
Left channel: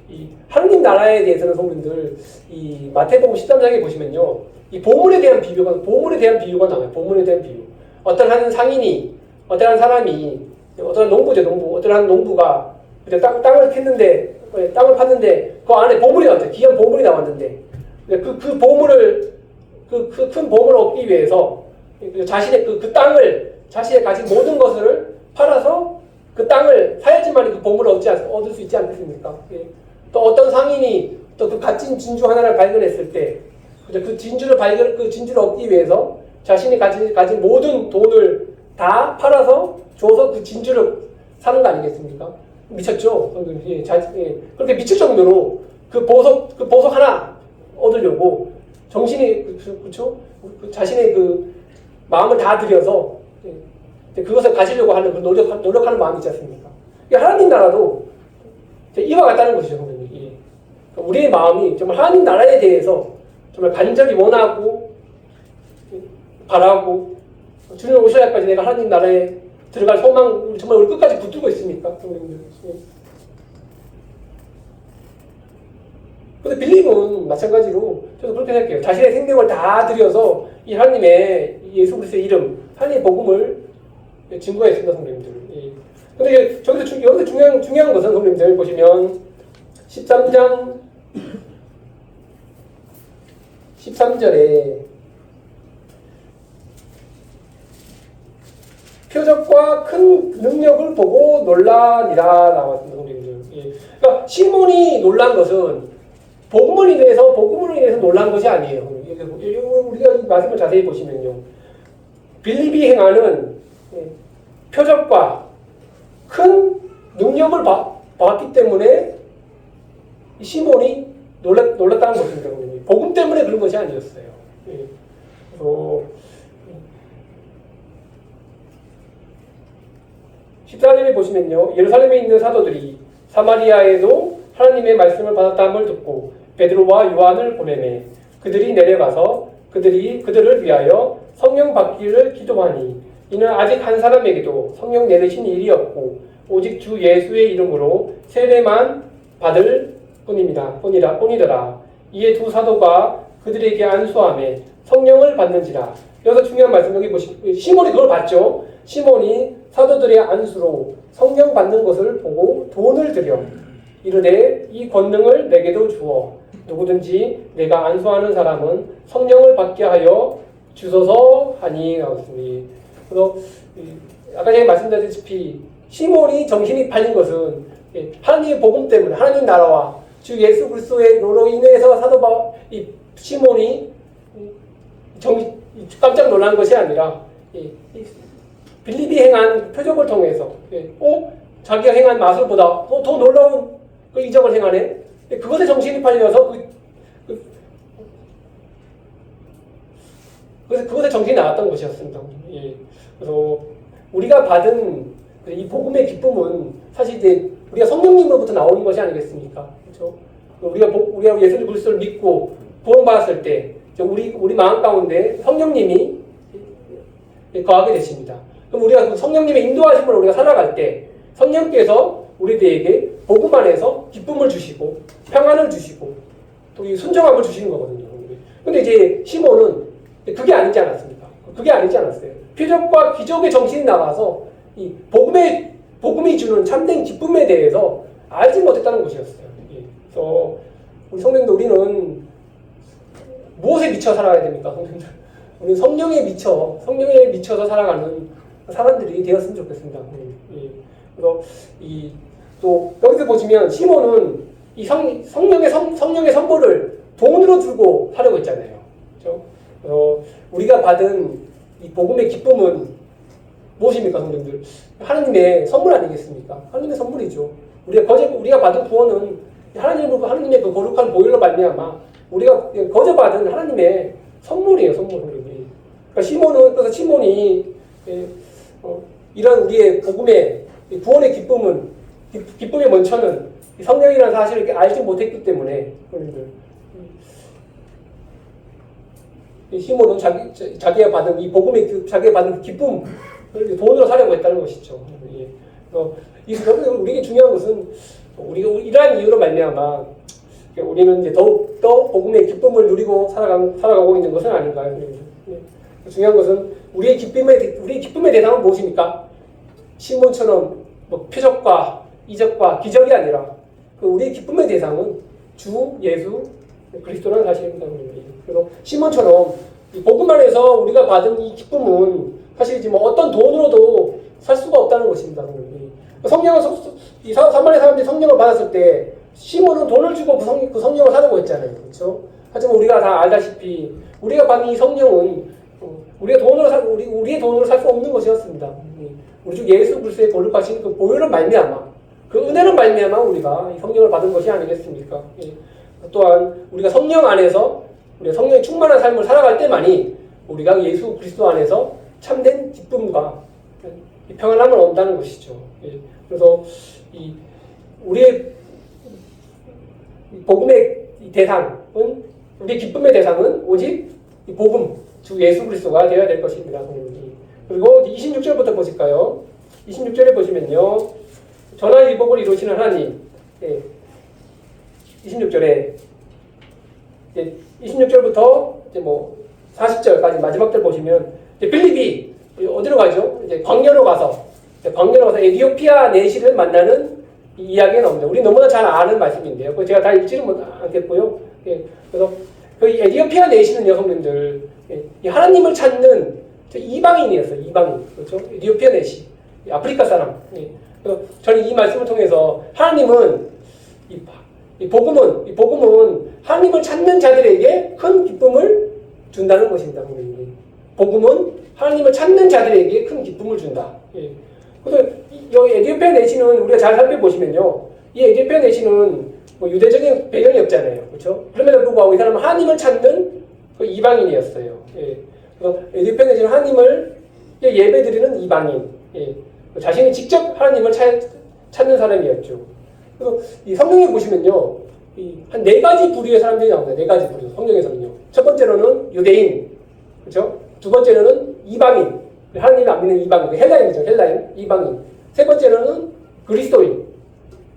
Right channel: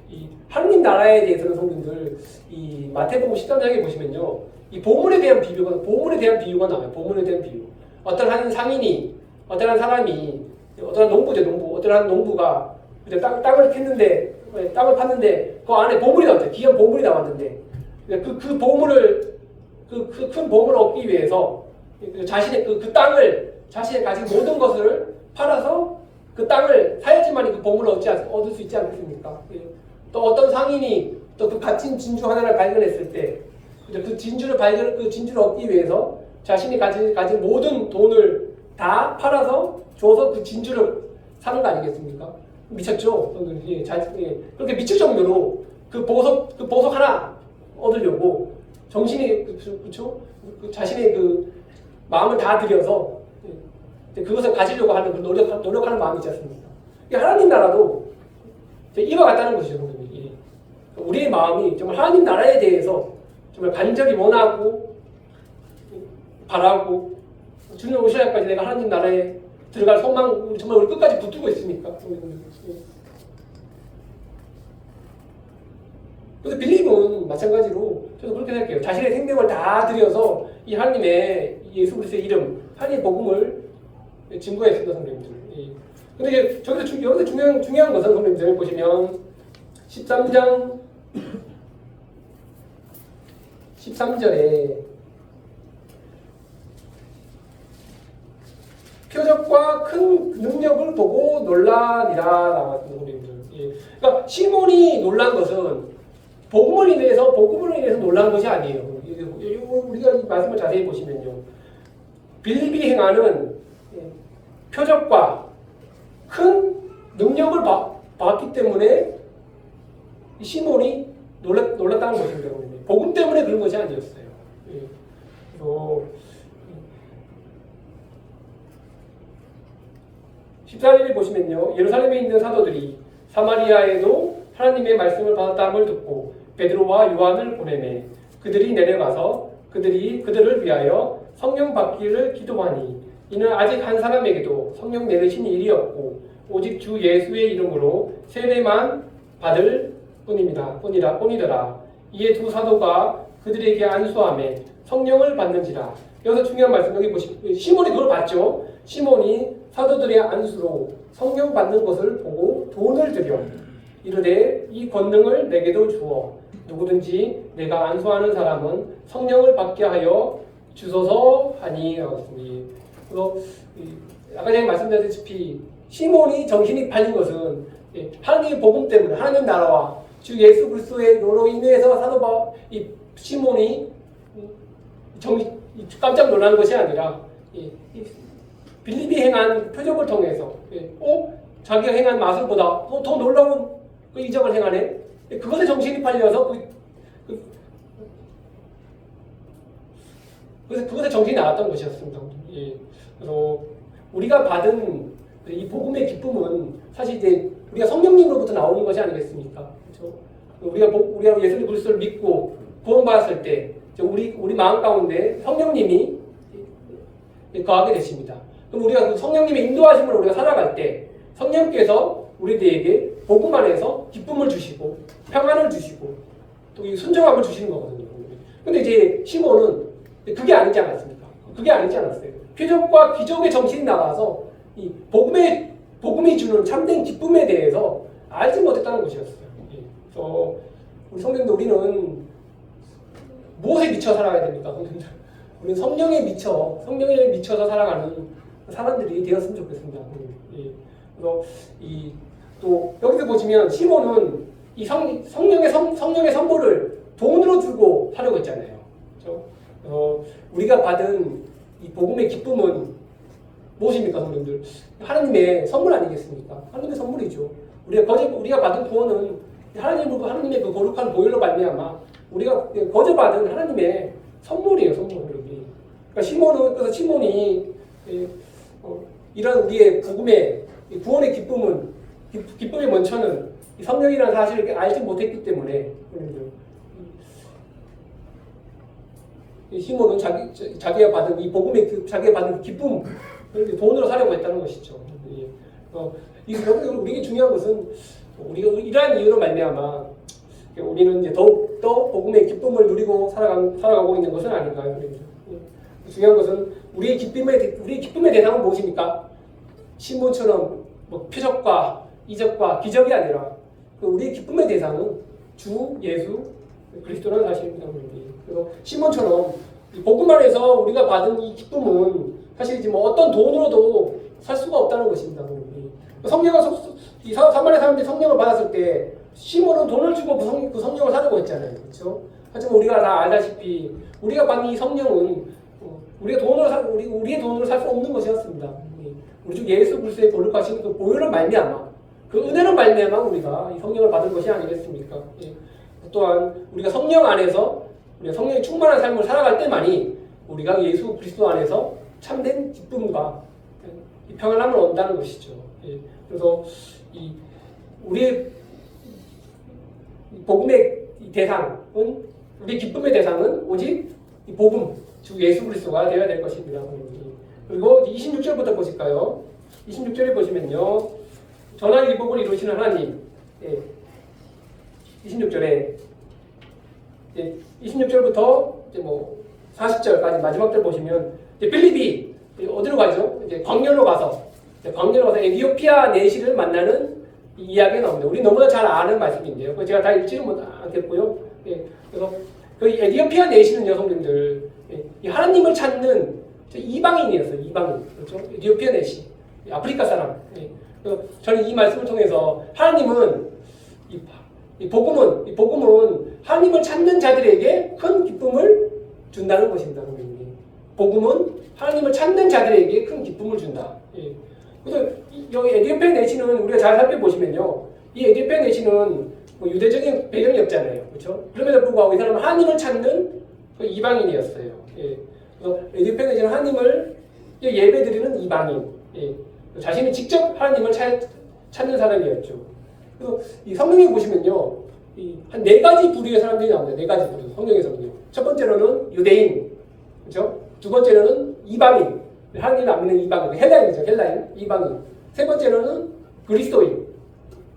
이 하느님 나라에 대해서는 성도님들 이 마태복음 13장에 보시면요, 이 보물에 대한 비유가 나와요. 보물에 대한 비유. 어떤 한 상인이, 어떤 한 사람이, 어떤 농부죠, 어떤 한 농부가 땅을 팠는데, 땅을 팠는데 그 안에 보물이 나왔어요. 귀한 보물이 나왔는데 그 보물을 그 큰 보물을 얻기 위해서 자신의 그 땅을 자신이 가진 모든 것을 팔아서 그 땅을 사야지만 그 보물을 얻을 수 있지 않겠습니까? 또 어떤 상인이 또 그 값진 진주 하나를 발견했을 때 그 진주를 얻기 위해서 자신이 가진 모든 돈을 다 팔아서 줘서 그 진주를 사는 거 아니겠습니까? 미쳤죠? 그렇게 미칠 정도로 그 보석 하나 얻으려고 정신이 그렇죠? 자신의 그 마음을 다 들여서 그것을 가지려고 하는 노력하는 마음이 있지 않습니까? 하나님 나라도 이와 같다는 것이죠, 선생님. 우리의 마음이 정말 하나님 나라에 대해서 정말 간절히 원하고 바라고 주님 오셔야까지 내가 하나님 나라에 들어갈 소망 정말 우리 끝까지 붙들고 있습니까? 근데 빌립은 마찬가지로 저도 그렇게 생각해요. 자신의 생명을 다 들여서 이 하나님의 예수 그리스도의 이름, 하나님의 복음을 증거했습니다, 선생님들. 근데 여기서 중요한 것은 선생님들 보시면 13절에 표적과 큰 능력을 보고 놀라니라 나왔습니다, 선생님들. 그러니까 시몬이 놀란 것은 복음으로 인해서 놀란 것이 아니에요. 우리가 이 말씀을 자세히 보시면요, 빌립이 행하는 표적과 큰 능력을 봤기 때문에 시몬이 놀랐다는 것입니다. 복음 때문에 그런 것이 아니었어요. 14절에 보시면요, 예루살렘에 있는 사도들이 사마리아에도 하나님의 말씀을 받았다함을 듣고 베드로와 요한을 보내매 그들이 내려가서 그들을 위하여 성령 받기를 기도하니 이는 아직 한 사람에게도 성령 내리신 일이 없고 오직 주 예수의 이름으로 세례만 받을 뿐이더라. 이에 두 사도가 그들에게 안수하며 성령을 받는지라. 여기서 중요한 말씀 여기 보시면 시몬이 그걸 봤죠. 시몬이 사도들의 안수로 성령 받는 것을 보고 돈을 들여 이르되 이 권능을 내게도 주어 누구든지 내가 안수하는 사람은 성령을 받게 하여 주소서 하니 하였으니. 그래서 아까 제가 말씀드렸다시피 시몬이 정신이 팔린 것은 하나님의 복음 때문에 하나님 나라와 주 예수 그리스도로 인해서 이 시몬이 깜짝 놀란 것이 아니라 빌립이 행한 표적을 통해서 자기가 행한 마술보다 더 놀라운 그 이적을 행하네. 그것에 정신이 팔려서 그것에 정신이 나왔던 것이었습니다. 그래서 우리가 받은 이 복음의 기쁨은 사실 이제 우리가 성령님으로부터 나오는 것이 아니겠습니까? 그렇죠? 우리가 예수님 그리스도를 믿고 구원받았을 때 우리 마음 가운데 성령님이 거하게 되십니다. 그럼 우리가 그 성령님의 인도하심으로 우리가 살아갈 때 성령께서 우리들에게 복음 안에서 기쁨을 주시고 평안을 주시고 또 이 순정함을 주시는 거거든요. 근데 이제 시몬은 그게 아니지 않았습니까? 그게 아니지 않았어요. 표적과 기적의 정신이 나가서 이 복음이 주는 참된 기쁨에 대해서 알지 못했다는 것이었어요. 그래서 우리 성도님들, 우리는 무엇에 미쳐 살아야 됩니까? 성도님들, 우리는 성령에 미쳐서 살아가는 사람들이 되었으면 좋겠습니다. 그래서 또 여기서 보시면 시몬은 이 성령의 선물을 돈으로 주고 하려고 했잖아요. 그렇죠? 우리가 받은 이 복음의 기쁨은 무엇입니까, 성도님들? 하나님의 선물 아니겠습니까? 하나님의 선물이죠. 우리가 받은 구원은 하나님의 그 거룩한 보혈로 말미암아 우리가 거저 받은 하나님의 선물이에요, 그러니까 시몬이 이런 우리의 복음의 구원의 기쁨은 기쁨의 먼저는 성령이라는 사실을 알지 못했기 때문에 시몬은 자기가 받은 이 복음의 자기가 받은 기쁨을 돈으로 사려고 했다는 것이죠. 우리에게 중요한 것은 우리가 이러한 이유로 말미암아 우리는 이제 더욱더 복음의 기쁨을 누리고 살아가고 있는 것은 아닌가요? 중요한 것은 우리의 기쁨의 대상은 무엇입니까? 시몬처럼 뭐 표적과 이적과 기적이 아니라 우리의 기쁨의 대상은 주 예수 그리스도라는 사실입니다. 그래서 시몬처럼 이 복음 안에서 우리가 받은 이 기쁨은 사실 뭐 어떤 돈으로도 살 수가 없다는 것입니다. 성령을 이 사마리아 사람들이 성령을 받았을 때 시몬은 돈을 주고 그 성령을 사려고 했잖아요. 그렇죠? 하지만 우리가 다 알다시피 우리가 받은 이 성령은 우리의 돈으로 살 수 없는 것이었습니다. 우리 주 예수 그리스도의 거룩하신 그 보혈로 말미암아 그 은혜로 말미암아 우리가 이 성령을 받은 것이 아니겠습니까? 또한 우리가 성령 안에서 우리가 성령이 충만한 삶을 살아갈 때만이 우리가 예수 그리스도 안에서 참된 기쁨과 평안함을 얻는다는 것이죠. 그래서 우리의 복음의 대상은 우리의 기쁨의 대상은 오직 이 복음 주 예수 그리스도가 되어야 될 것입니다. 그리고 26절부터 보실까요? 26절에 보시면요. 전화 일복을 이루시는 하나님 26절에 26절부터 이제 뭐 40절까지 마지막 절 보시면 빌립이 어디로 가죠? 이제 광야로 가서 에티오피아 내시를 만나는 이야기가 나옵니다. 우리 너무나 잘 아는 말씀인데요. 제가 다 읽지는 못하겠고요. 그래서 그 에티오피아 내시는 여성분들 하나님을 찾는 이방인이었어요. 이방인 그렇죠? 에티오피아 내시 아프리카 사람. 그래서 저는 이 말씀을 통해서 하나님은 이 복음은 하나님을 찾는 자들에게 큰 기쁨을 준다는 것입니다. 복음은 하나님을 찾는 자들에게 큰 기쁨을 준다. 그래서 여기 에티오피아 내시는 우리가 잘 살펴보시면요, 이 에티오피아 내시는 뭐 유대적인 배경이 없잖아요, 그렇죠? 그럼에도 불구하고 이 사람은 하나님을 찾는 그 이방인이었어요. 그래서 에티오피아 내시는 하나님을 예배드리는 이방인, 자신이 직접 하나님을 찾는 사람이었죠. 그래서 이 성경에 보시면요, 한 4가지 부류의 사람들이 나옵니다. 4가지 부류, 성경에서는요. 첫 번째로는 유대인, 그렇죠? 두 번째로는 이방인, 하나님을 안 믿는 이방인, 헬라인이죠. 헬라인, 이방인. 세 번째로는 그리스도인.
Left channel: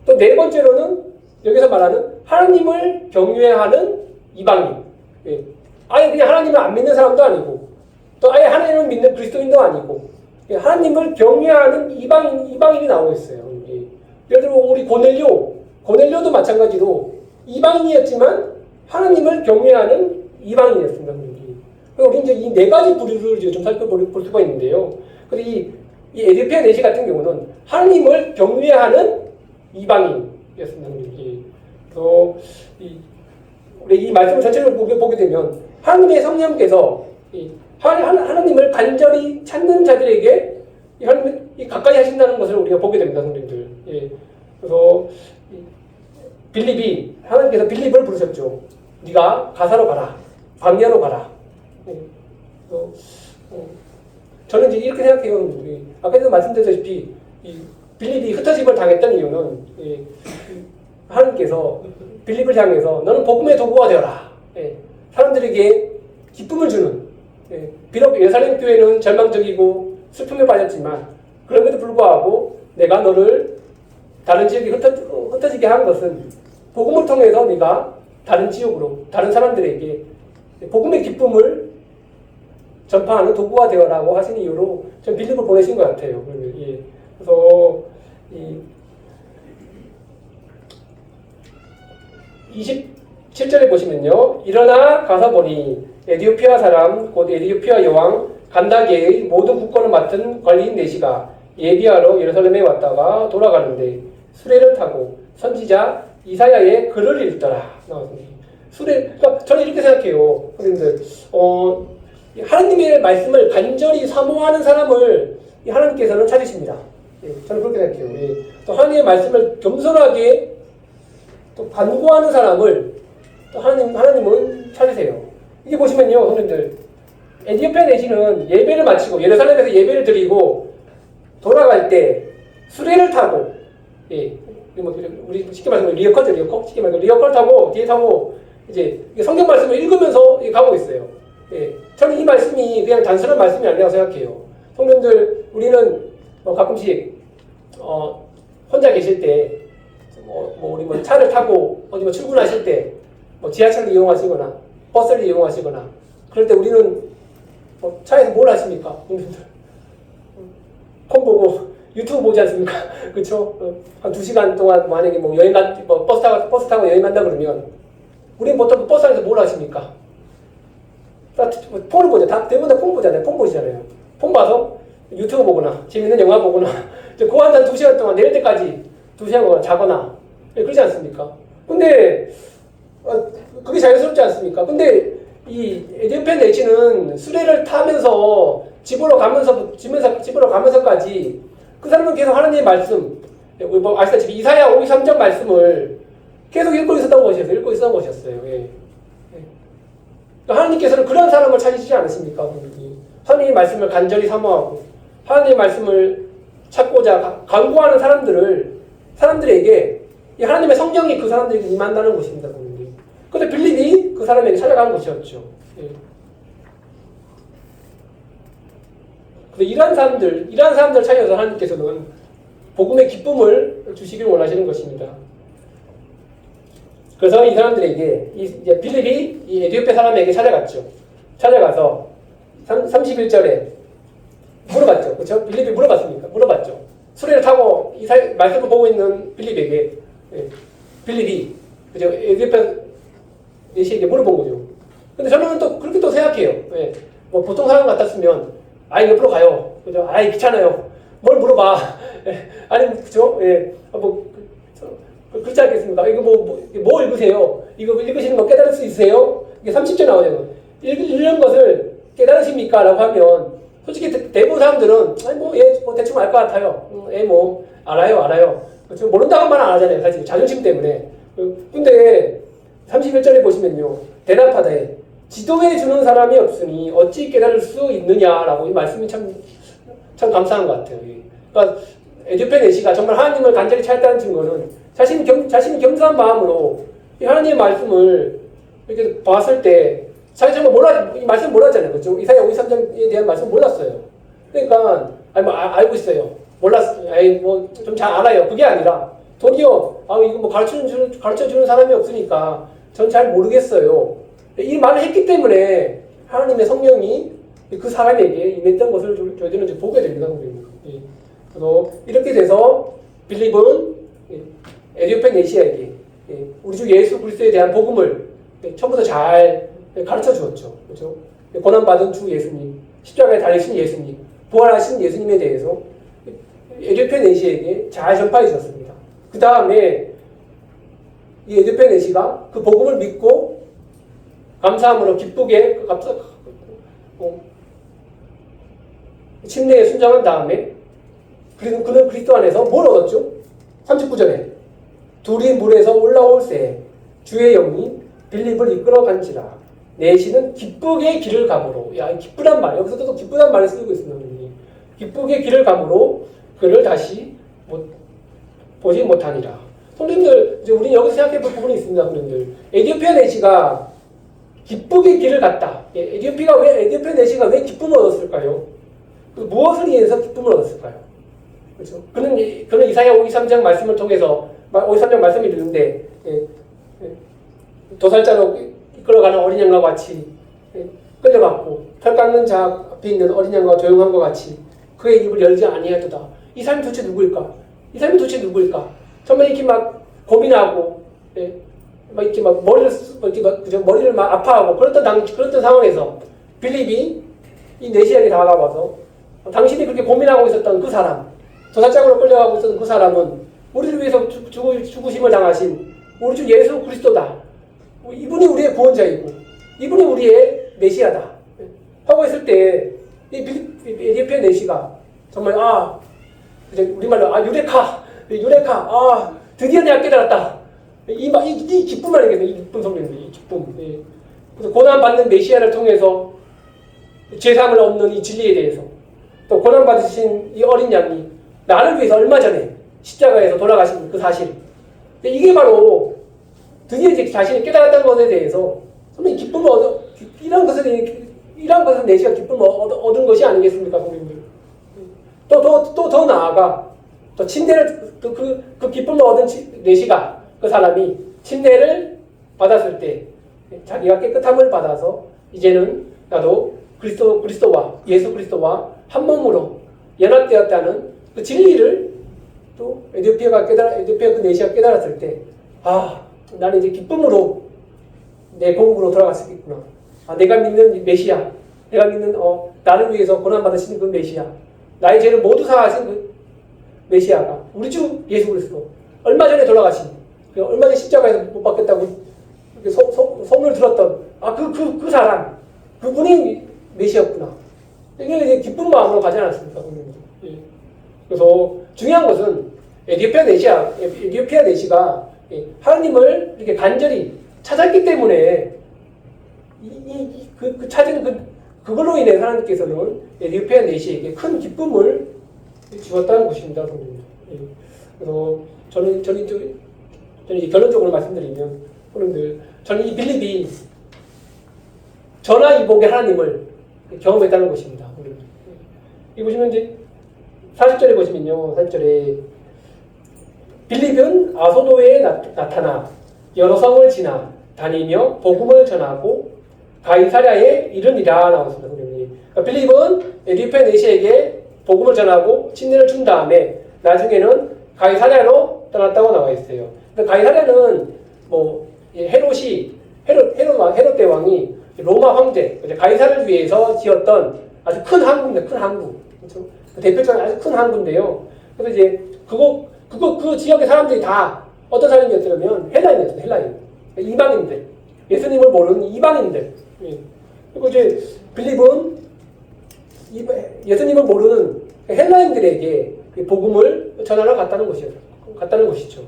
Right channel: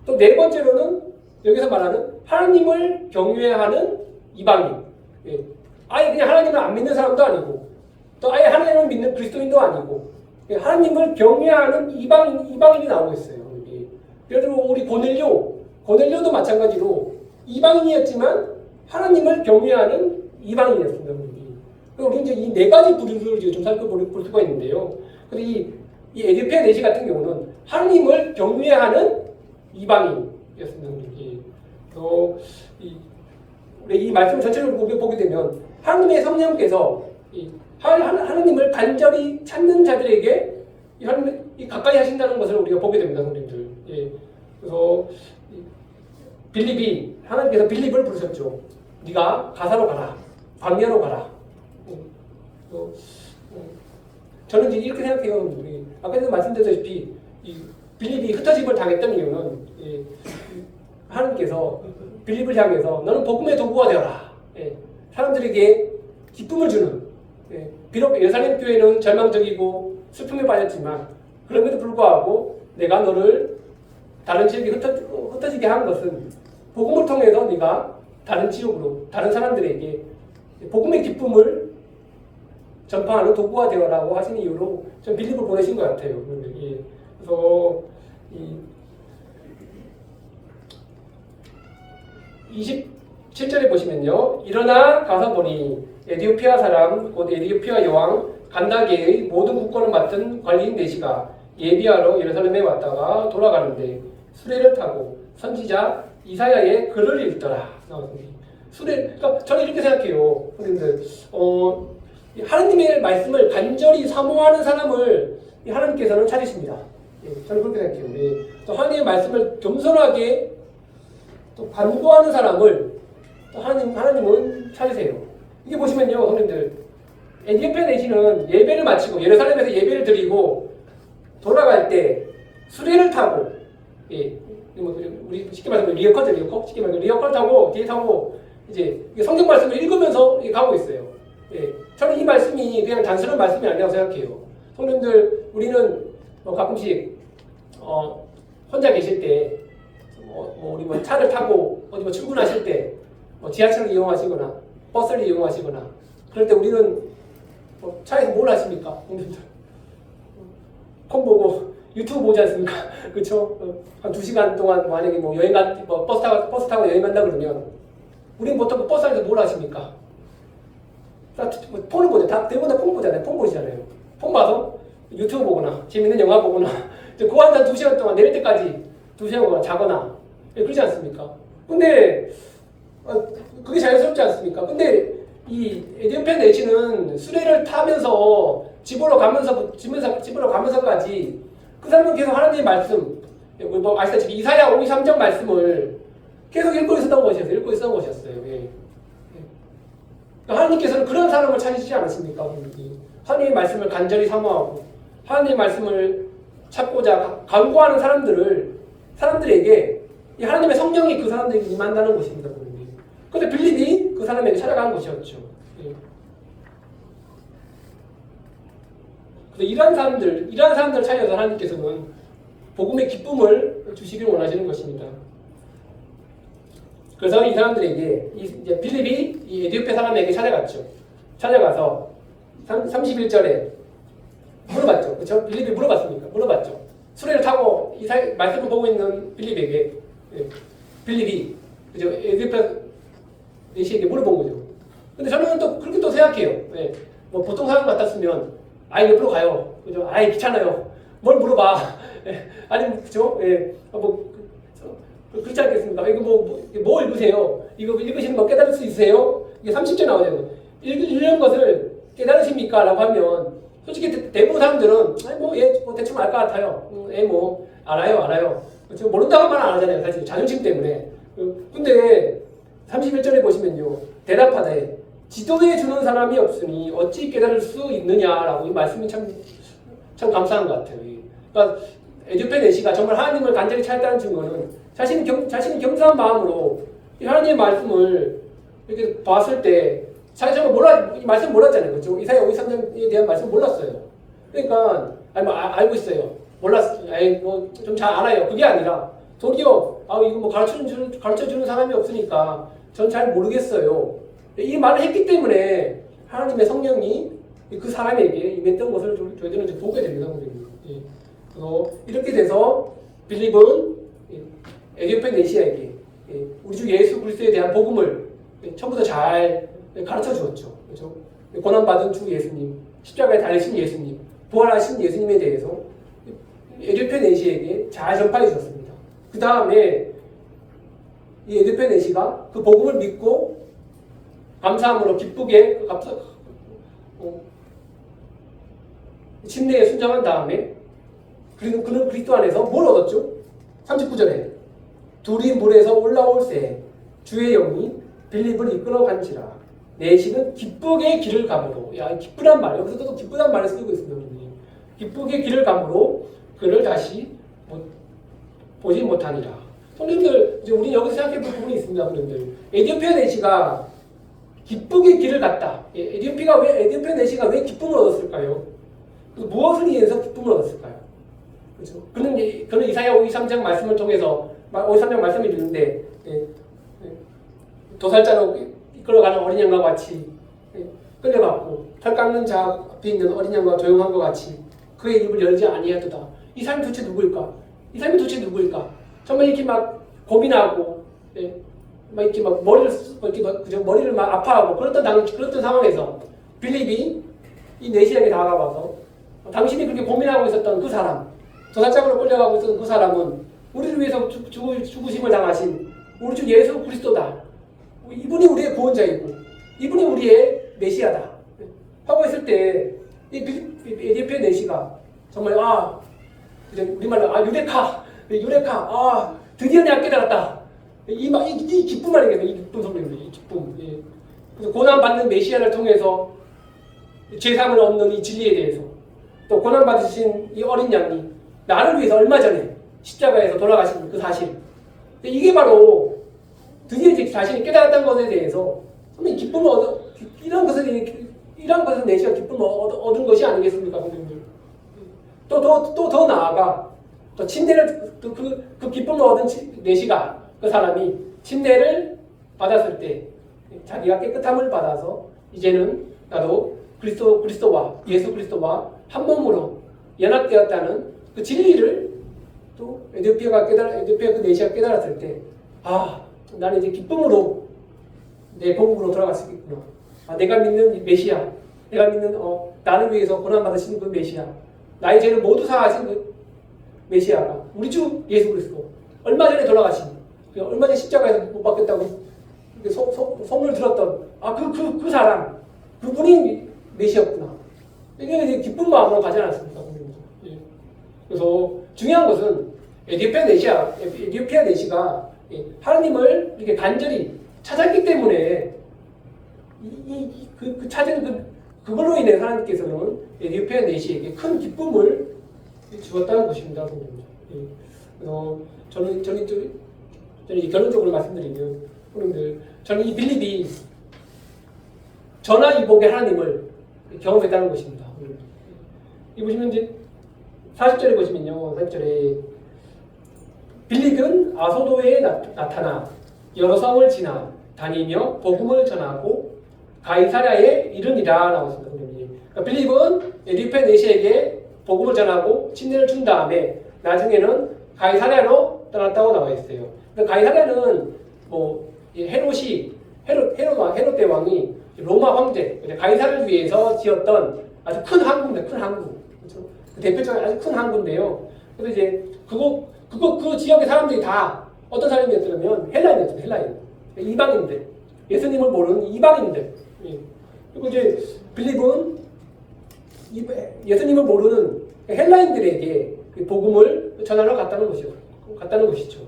또 네 번째로는 여기서 말하는 하나님을 경외하는 이방인. 아예 그냥 하나님을 안 믿는 사람도 아니고, 또 아예 하나님을 믿는 그리스도인도 아니고, 하나님을 경외하는 이방인이 나오고 있어요. 예를 들어 우리 고넬료도 마찬가지로 이방인이었지만 하나님을 경외하는 이방인이었습니다. 우리 이제 이 4가지 부류를 좀 살펴볼 수가 있는데요. 근데 이 에티오피아 내시 같은 경우는 하나님을 경외하는 이방인이었습니다. 그래서 우리 이 말씀 전체를 보게 되면 하나님의 성령께서 하나님을 간절히 찾는 자들에게 하나님이 가까이 하신다는 것을 우리가 보게 됩니다, 성도님들. 그래서 하나님께서 빌립을 부르셨죠. 네가 가사로 가라, 광야로 가라. 저는 이제 이렇게 생각해요. 아까도 말씀드렸다시피 빌립이 흩어짐을 당했던 이유는 하나님께서 빌립을 향해서 너는 복음의 도구가 되어라. 사람들에게 기쁨을 주는. 비록 예루살렘 교회는 절망적이고 슬픔에 빠졌지만 그럼에도 불구하고 내가 너를 다른 지역에 흩어지게 한 것은 복음을 통해서 네가 다른 지역으로 다른 사람들에게 복음의 기쁨을 전파하는 도구가 되어라고 하신 이유로 좀 빌립을 보내신 것 같아요. 그래서 27절에 보시면요. 일어나 가서 보니 에티오피아 사람 곧 에티오피아 여왕 간다게의 모든 국권을 맡은 관리인 내시가 예비하러 예루살렘에 왔다가 돌아가는데 수레를 타고 선지자 이사야의 글을 읽더라. 그러니까 저는 이렇게 생각해요. 그런데 하나님의 말씀을 간절히 사모하는 사람을 하나님께서는 찾으십니다. 저는 그렇게 생각해요. 또 하나님의 말씀을 겸손하게 또 반구하는 사람을 또 하나님은 찾으세요. 이게 보시면요, 선생님들, 에티오피아 내시는 예배를 마치고 예루살렘에서 예배를 드리고 돌아갈 때 수레를 타고 우리 쉽게 말해서 리어컬죠, 리어컬. 쉽게 말해서 리어컬 타고 뒤에 타고 이제 성경 말씀을 읽으면서 가고 있어요. 예, 저는 이 말씀이 그냥 단순한 말씀이 아니라고 생각해요. 성도님들, 우리는 가끔씩 혼자 계실 때, 우리 차를 타고 어디 출근하실 때, 지하철을 이용하시거나 버스를 이용하시거나 그럴 때 우리는 차에서 뭘 하십니까? 폰 보고 유튜브 보지 않습니까? 그렇죠? 한 2시간 동안 만약에 버스 타고 여행 간다 그러면 우리는 보통 버스 안에서 뭘 하십니까? 폰을 보죠. 대부분 다 폰 보잖아요. 폰 보시잖아요. 폰 봐서 유튜브 보거나 재밌는 영화 보거나 그 한 2시간 동안 내릴 때까지 2시간 동안 자거나 그러지 않습니까? 근데 그게 자연스럽지 않습니까? 근데 이 에디오피아 내시는 수레를 타면서 집으로 가면서까지 그 사람은 계속 하나님의 말씀, 아시다시피 이사야 5, 3장 말씀을 계속 읽고 있었던 것이었어요. 예. 하나님께서는 그런 사람을 찾으시지 않으십니까? 하나님의 말씀을 간절히 사모하고 하나님의 말씀을 찾고자 간구하는 사람들에게 이 하나님의 성령이 그 사람들에게 임한다는 것입니다. 그런데 빌립이 그 사람에게 찾아가는 것이었죠. 예. 이러한 사람들을 찾아서 하나님께서는 복음의 기쁨을 주시길 원하시는 것입니다. 그래서 이 사람들에게 빌립이 이 에티오피아 사람에게 찾아갔죠. 찾아가서 31절에 물어봤죠. 그렇죠? 빌립이 물어봤죠. 수레를 타고 말씀을 보고 있는 빌립에게 빌립이 그죠? 에티오피아 내시에게 물어본 거죠. 근데 저는 또 그렇게 또 생각해요. 예. 보통 사람 같았으면 옆으로 가요. 그죠? 귀찮아요. 뭘 물어봐. 예. 아니 그죠? 예. 그렇지 않겠습니까? 이거 뭐 읽으세요? 이거 읽으시는 거 깨달을 수 있으세요? 이게 30절 나오잖아요. 읽는 것을 깨달으십니까? 라고 하면 솔직히 대부분 사람들은 대충 알 것 같아요. 알아요. 그렇죠? 모른다고 말 안 하잖아요. 사실 자존심 때문에. 근데 31절에 보시면요. 대답하되 지도해 주는 사람이 없으니 어찌 깨달을 수 있느냐라고 이 말씀이 참 감사한 것 같아요. 그러니까 에디오피아 내시가 정말 하나님을 간절히 찾았다는 증거는 자신이 겸손한 마음으로 이 하나님의 말씀을 이렇게 봤을 때 사실 이 말씀 몰랐잖아요. 그렇죠? 이사야 53장에 대한 말씀 몰랐어요. 그러니까 알고 있어요. 몰랐어요. 좀 잘 알아요. 그게 아니라 도리어 이거 가르쳐주는 사람이 없으니까 전 잘 모르겠어요. 이 말을 했기 때문에 하나님의 성령이 그 사람에게 임했던 것을 저희들은 좀 보게 됩니다. 그래서 이렇게 돼서 빌립은 에디오피아 내시아에게 우리 주 예수 그리스도에 대한 복음을 처음부터 잘 가르쳐 주었죠. 그렇죠? 고난받은 주 예수님, 십자가에 달리신 예수님, 부활하신 예수님에 대해서 에디오피아 내시에게 잘 전파해 주었습니다. 그 다음에 이 에디오피아 내시가 그 복음을 믿고 감사함으로 기쁘게 침례에 순종한 다음에 그리고 그는 그리스도 안에서 뭘 얻었죠? 39절에 둘이 물에서 올라올새 주의 영이 빌립을 이끌어 간지라 내시는 기쁘게 길을 가므로 기쁘단 말 여기서도 또 기쁘단 말을 쓰고 있습니다. 기쁘게 길을 가므로 그를 다시 보지 못하니라. 손님들 우리 여기서 생각해 볼 부분이 있습니다. 손님들 에디오피아 내시가 기쁘게 길을 갔다. 에디오피아 내시가 왜 기쁨을 얻었을까요? 무엇을 위해서 기쁨을 얻었을까요? 그렇죠? 그는 이사야 53장 말씀을 통해서 53장 말씀을 읽는데 도살자로 이끌어가는 어린 양과 같이 끌려갔고 털 깎는 자 앞에 있는 어린 양과 조용한 것 같이 그의 입을 열지 아니하도다. 이 사람이 도대체 누구일까? 정말 이렇게 막 고민하고 이렇게 막 머리를 막 아파하고 그랬던 상황에서 빌립이 이 내시에게 다가와서 당신이 그렇게 고민하고 있었던 그 사람, 도살장으로 끌려가고 있었던 그 사람은 우리를 위해서 죽으심을 당하신 우리 주 예수 그리스도다. 이분이 우리의 구원자이고 이분이 우리의 메시아다. 하고 있을 때 이 에디오피아 내시가 정말 우리말로 유레카 드디어 내가 깨달았다. 이 기쁨 아니겠어요? 이 기쁨 성령님, 이 기쁨. 그래서 고난받는 메시아를 통해서 죄상을 없는 이 진리에 대해서 또 고난받으신 이 어린 양이 나를 위해서 얼마 전에 십자가에서 돌아가신 그 사실 근데 이게 바로 드디어 이제 자신이 깨달았다는 것에 대해서 선생님 기쁨을 이런 것을 내시가 기쁨을 얻은 것이 아니겠습니까, 선생님들? 더 나아가 또 침대를 그 기쁨을 얻은 내시가 그 사람이 침대를 받았을 때 자기가 깨끗함을 받아서 이제는 나도 그리스도와 예수 그리스도와 한 몸으로 연합되었다는 그 진리를 또 에디오피아 그 내시가 깨달았을 때, 나는 이제 기쁨으로 내 본국으로 돌아갈 수 있구나. 내가 믿는 메시아, 내가 믿는 나를 위해서 고난 받으신 그 메시아, 나의 죄를 모두 사하신 그 메시아가 우리 주 예수 그리스도, 얼마 전에 돌아가신, 얼마 전에 십자가에서 못 박혔다고 소문을 들었던 그 사람, 그분이 메시아였구나. 이게 이제 기쁜 마음으로 가지 않았습니까? 그래서 중요한 것은 에디오피아 내시가 하나님을 이렇게 간절히 찾았기 때문에 찾은 그걸로 인해 하나님께서는 에디오피아 내시에게 큰 기쁨을 주었다는 것입니다. 그래서 저는 이제 결론적으로 말씀드리면, 여러분들, 저는 이 빌립이 전화위복의 하나님을 경험했다는 것입니다. 이 보시면 이제 40절에 보시면요, 40절에 빌립은 아소도에 나타나 여러 성을 지나 다니며 복음을 전하고 가이사랴에 이르니라 나왔습니다. 그러니까 빌립은 에디오피아 내시에게 복음을 전하고 침례를 준 다음에 나중에는 가이사랴로 떠났다고 나와 있어요. 그러니까 가이사랴는 헤롯 대왕이 로마 황제 가이사를 위해서 지었던 아주 큰 항구입니다. 큰 항구. 그렇죠? 대표적인 아주 큰 항구인데요. 그래서 이제 그 지역의 사람들이 다 어떤 사람이었냐면 헬라인이었어요. 헬라인. 이방인들. 예수님을 모르는 이방인들. 그리고 이제 빌립은 예수님을 모르는 헬라인들에게 복음을 전하러 갔다는 것이죠.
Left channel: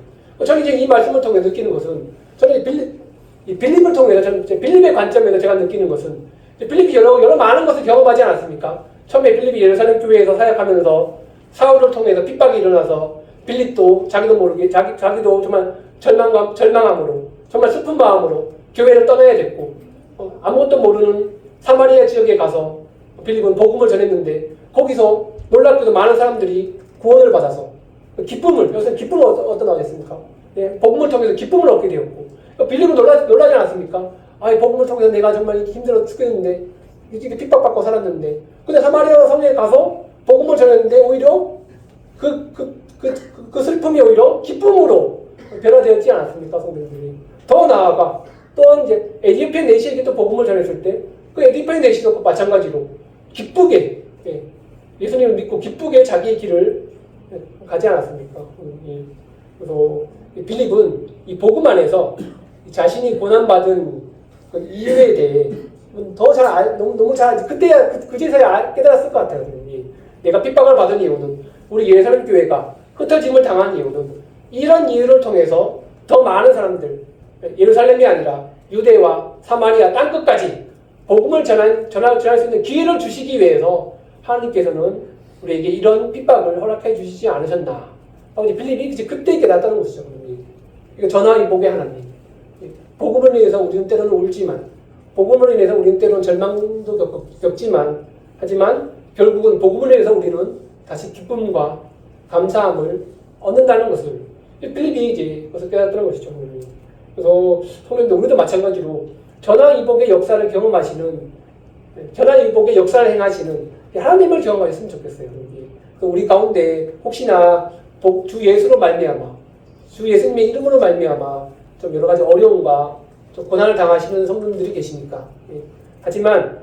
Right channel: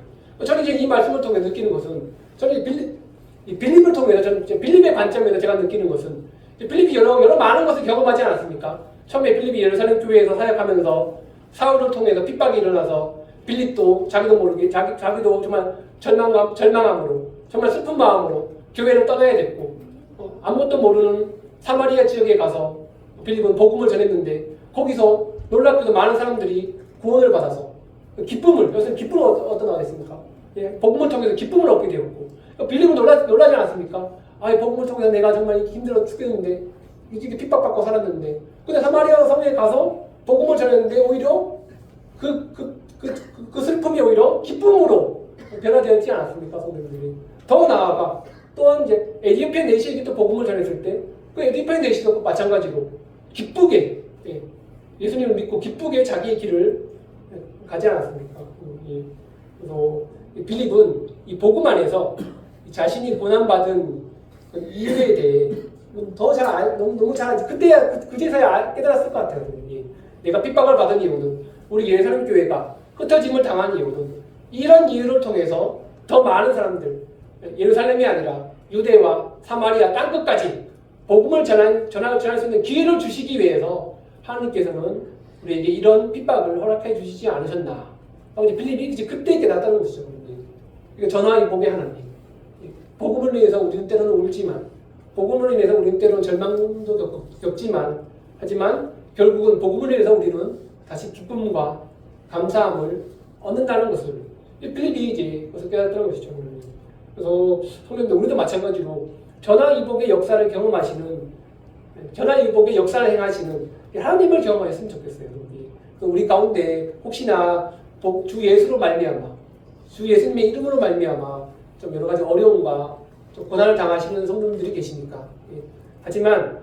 저는 이제 이 말씀을 통해 느끼는 것은, 저는 빌립을 통해서, 저는 빌립의 관점에서 제가 느끼는 것은, 빌립이 여러 많은 것을 경험하지 않았습니까? 처음에 빌립이 예루살렘 교회에서 사역하면서 사울을 통해서 핍박이 일어나서 빌립도 자기도 모르게 자기도 정말 절망함으로, 정말 슬픈 마음으로 교회를 떠나야 됐고, 아무것도 모르는 사마리아 지역에 가서 빌립은 복음을 전했는데, 거기서 놀랍게도 많은 사람들이 구원을 받아서 여기서 기쁨을 얻어나겠습니까? 복음을 통해서 기쁨을 얻게 되었고, 빌립은 놀라지 않았습니까? 복음을 통해서 내가 정말 힘들어 죽겠는데, 이렇게 핍박받고 살았는데, 근데 사마리아 성에 가서 복음을 전했는데 오히려 그 슬픔이 오히려 기쁨으로 변화되었지 않았습니까, 성도님들이? 더 나아가 또 이제 에디오피아 내시에게 또 복음을 전했을 때, 그 에디오피아 내시도 마찬가지로 기쁘게 예수님을 믿고 기쁘게 자기의 길을 가지 않았습니까? 그래서 빌립은 이 복음 안에서 자신이 고난받은 이유에 대해 너무 잘 그제서야 깨달았을 것 같아요. 내가 핍박을 받은 이유는, 우리 예루살렘 교회가 흩어짐을 당한 이유는, 이런 이유를 통해서 더 많은 사람들, 예루살렘이 아니라 유대와 사마리아 땅끝까지 복음을 전할 수 있는 기회를 주시기 위해서 하나님께서는 우리에게 이런 핍박을 허락해 주시지 않으셨나. 빌립이 그때 깨닫다는 것이죠. 이거 전화위복의 하나님. 복음을 위해서 우리는 때로는 울지만, 복음을 인해서 우리는 때로는 절망도 겪지만, 하지만 결국은 복음을 위해서 우리는 다시 기쁨과 감사함을 얻는다는 것을 빌립이 이제 그것을 깨닫다는 것이죠. 그래서 성도님들, 우리도 마찬가지로 전화위복의 역사를 경험하시는, 전화위복의 역사를 행하시는 하나님을 경험하셨으면 좋겠어요. 우리 가운데 혹시나 주 예수로 말미암아, 주 예수님의 이름으로 말미암아 좀 여러 가지 어려움과 좀 고난을 당하시는 성도님들이 계시니까. 하지만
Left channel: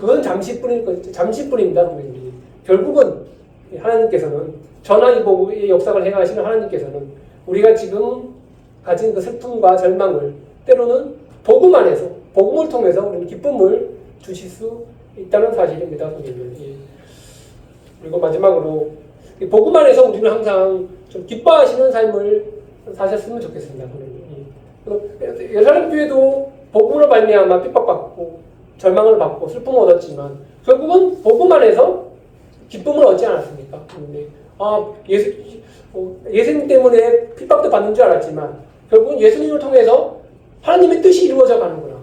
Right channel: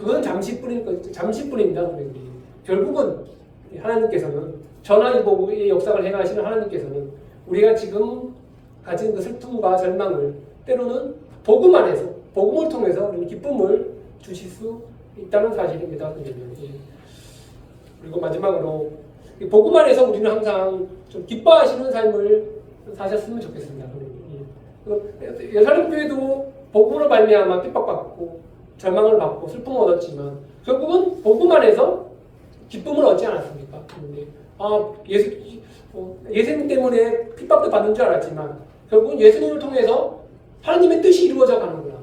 그건 잠시뿐입니다. 결국은 하나님께서는 전화위복의 역사를 행하시는 하나님께서는 우리가 지금 가진 그 슬픔과 절망을 때로는 복음 안에서, 복음을 통해서 우리는 기쁨을 주실 수 있다는 사실입니다. 그리고 마지막으로 복음 안에서 우리는 항상 좀 기뻐하시는 삶을 사셨으면 좋겠습니다. 예루살렘 교회도 복음으로 말미암아 핍박받고 절망을 받고 슬픔을 얻었지만 결국은 복음 안에서 기쁨을 얻지 않았습니까? 예수님 때문에 핍박도 받는 줄 알았지만 결국은 예수님을 통해서 하나님의 뜻이 이루어져 가는구나.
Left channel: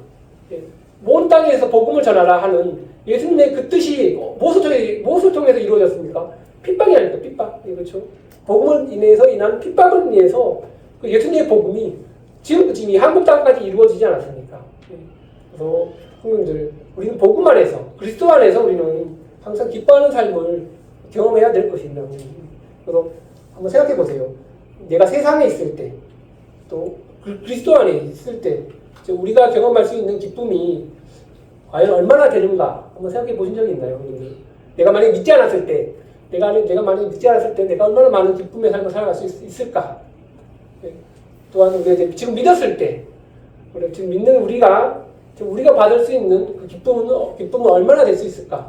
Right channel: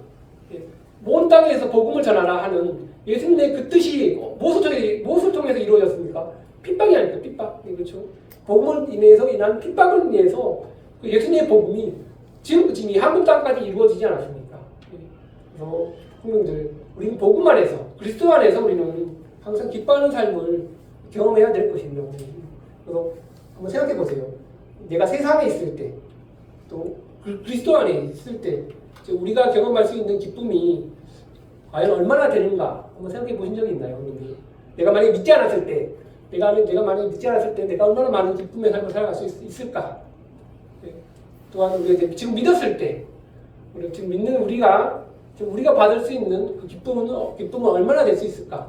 온 땅에서 복음을 전하라 하는 예수님의 그 뜻이 무엇을 통해서 이루어졌습니까? 핍박이 아닙니까? 핍박. 그렇죠? 복음을 인해서 인한 핍박을 인해서 그 예수님의 복음이 지금 이 한국 땅까지 이루어지지 않았습니까? 그래서 성도님들, 우리는 복음 안에서, 그리스도 안에서 우리는 항상 기뻐하는 삶을 경험해야 될 것입니다. 그래서 한번 생각해 보세요. 내가 세상에 있을 때, 또 그리스도 안에 있을 때, 우리가 경험할 수 있는 기쁨이 과연 얼마나 되는가 한번 생각해 보신 적이 있나요? 내가 만약에 믿지 않았을 때, 내가 만약에 믿지 않았을 때 내가 얼마나 많은 기쁨의 삶을 살아갈 수 있을까? 또한 우리가 지금 믿었을 때, 지금 믿는 우리가 받을 수 있는 그 기쁨은 얼마나 될 수 있을까에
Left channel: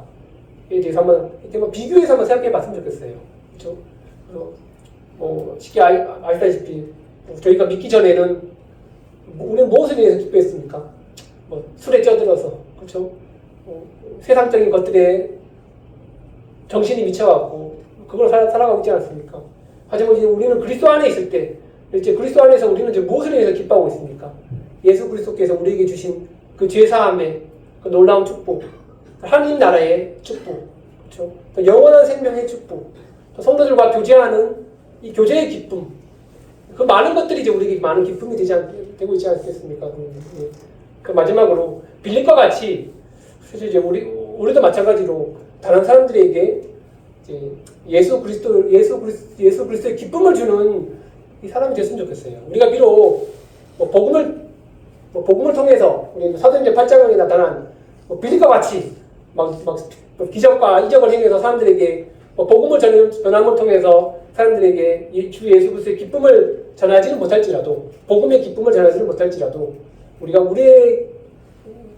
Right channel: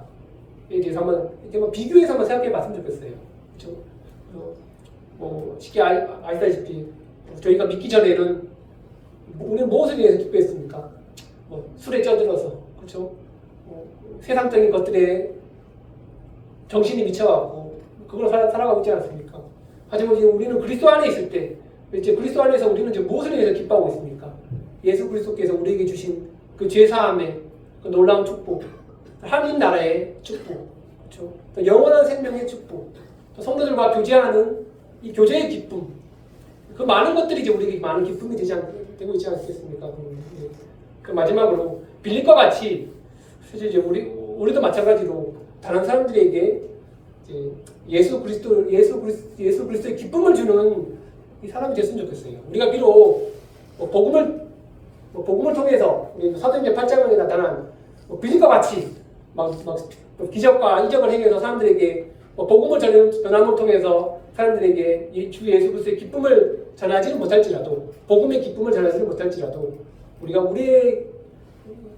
대해서 한번 비교해서 한번 생각해 봤으면 좋겠어요. 그렇죠? 쉽게 아시다시피 저희가 믿기 전에는 우리는 무엇을 위해서 기뻐했습니까? 술에 쪄들어서, 그렇죠? 세상적인 것들에 정신이 미쳐갖고 그걸 살아가고 있지 않습니까? 하지만 이제 우리는 그리스도 안에 있을 때, 이제 그리스도 안에서 우리는 이제 무엇을 위해서 기뻐하고 있습니까? 예수 그리스도께서 우리에게 주신 그 죄사함의 그 놀라운 축복, 하나님 나라의 축복, 그렇죠? 영원한 생명의 축복, 또 성도들과 교제하는 이 교제의 기쁨, 그 많은 것들이 이제 우리에게 많은 기쁨이 되고 있지 않겠습니까? 그 마지막으로 빌립과 같이 사실 이제 우리도 마찬가지로 다른 사람들에게 이제 예수 그리스도의 기쁨을 주는 이 사람이 됐으면 좋겠어요. 우리가 비록 복음을 통해서 사도행전 8장에 나타난 빌립과 같이 막 기적과 이적을 행해서 사람들에게 복음을 전함을 통해서 사람들에게 주 예수 그리스도의 기쁨을 전하지는 못할지라도, 복음의 기쁨을 전하지는 못할지라도, 우리가 우리의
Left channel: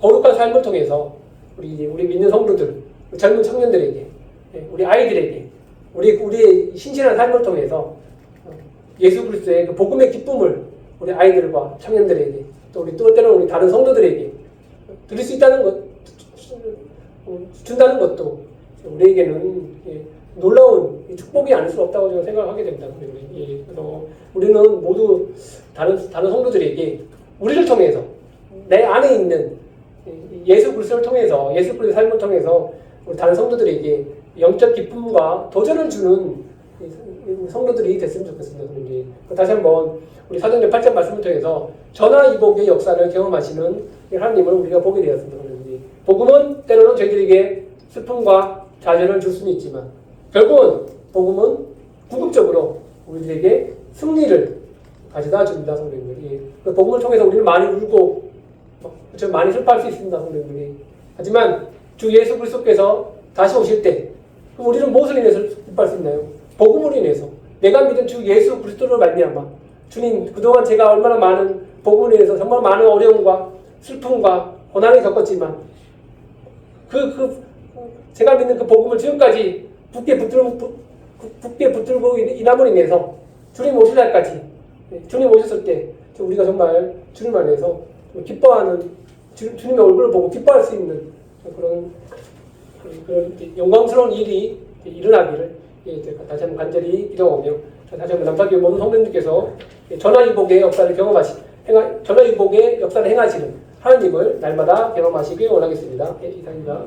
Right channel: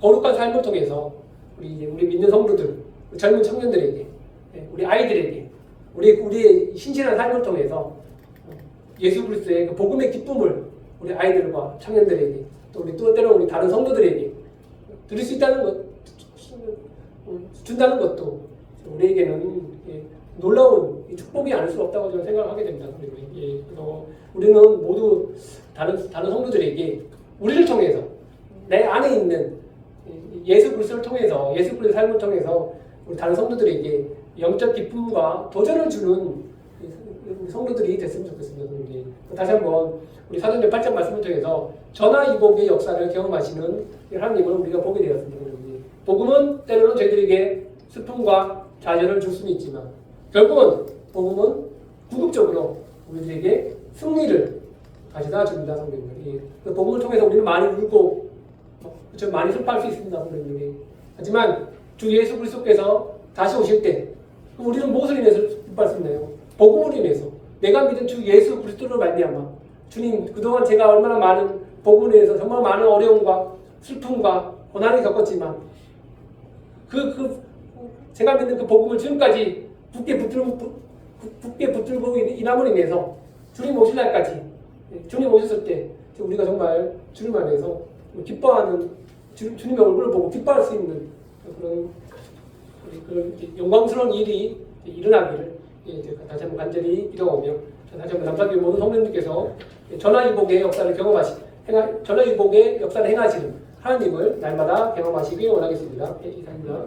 거룩한 삶을 통해서 우리 믿는 성도들, 젊은 청년들에게, 우리 아이들에게, 우리의 신실한 삶을 통해서 예수 그리스도의 그 복음의 기쁨을 우리 아이들과 청년들에게, 또 때로는 우리 다른 성도들에게 드릴 수 있다는 것, 준다는 것도 우리에게는 놀라운 축복이 아닐 수 없다고 저는 생각하게 됩니다. 그래서 우리는 모두 다른 성도들에게 우리를 통해서, 내 안에 있는 예수 그리스도를 통해서, 예수 그리스도의 삶을 통해서 우리 다른 성도들에게 영적 기쁨과 도전을 주는 성도들이 됐으면 좋겠습니다. 다시 한번 우리 사도행전 8장 말씀을 통해서 전화위복의 역사를 경험하시는 하나님을 우리가 보게 되었습니다. 복음은 때로는 저희들에게 슬픔과 좌절을 줄 수는 있지만 결국은 복음은 궁극적으로 우리들에게 승리를 가져다 줍니다. 성도님들이. 그 복음을 통해서 우리는 많이 울고 많이 슬퍼할 수 있습니다. 성도님들이. 하지만 주 예수 그리스도께서 다시 오실 때 우리는 무엇을 인해서 기뻐할 수 있나요? 복음으로 인해서. 내가 믿은 주 예수 그리스도를 말미암아 주님, 그동안 제가 얼마나 많은 복음을 인해서 정말 많은 어려움과 슬픔과 고난을 겪었지만 제가 믿는 그 복음을 지금까지 굳게 붙들고 인함으로 인해서 주님 오실 날까지, 주님 오셨을 때 우리가 정말 주님 안에서 기뻐하는, 주님의 얼굴을 보고 기뻐할 수 있는 그런 영광스러운 일이 일어나기를 다시 한번 간절히 기도하며, 다시 한번 남사교회 모든 성도님께서 전화위복의 역사를 전화위복의 역사를 행하시는 하나님을 날마다 경험하시길 원하겠습니다. 이상입니다.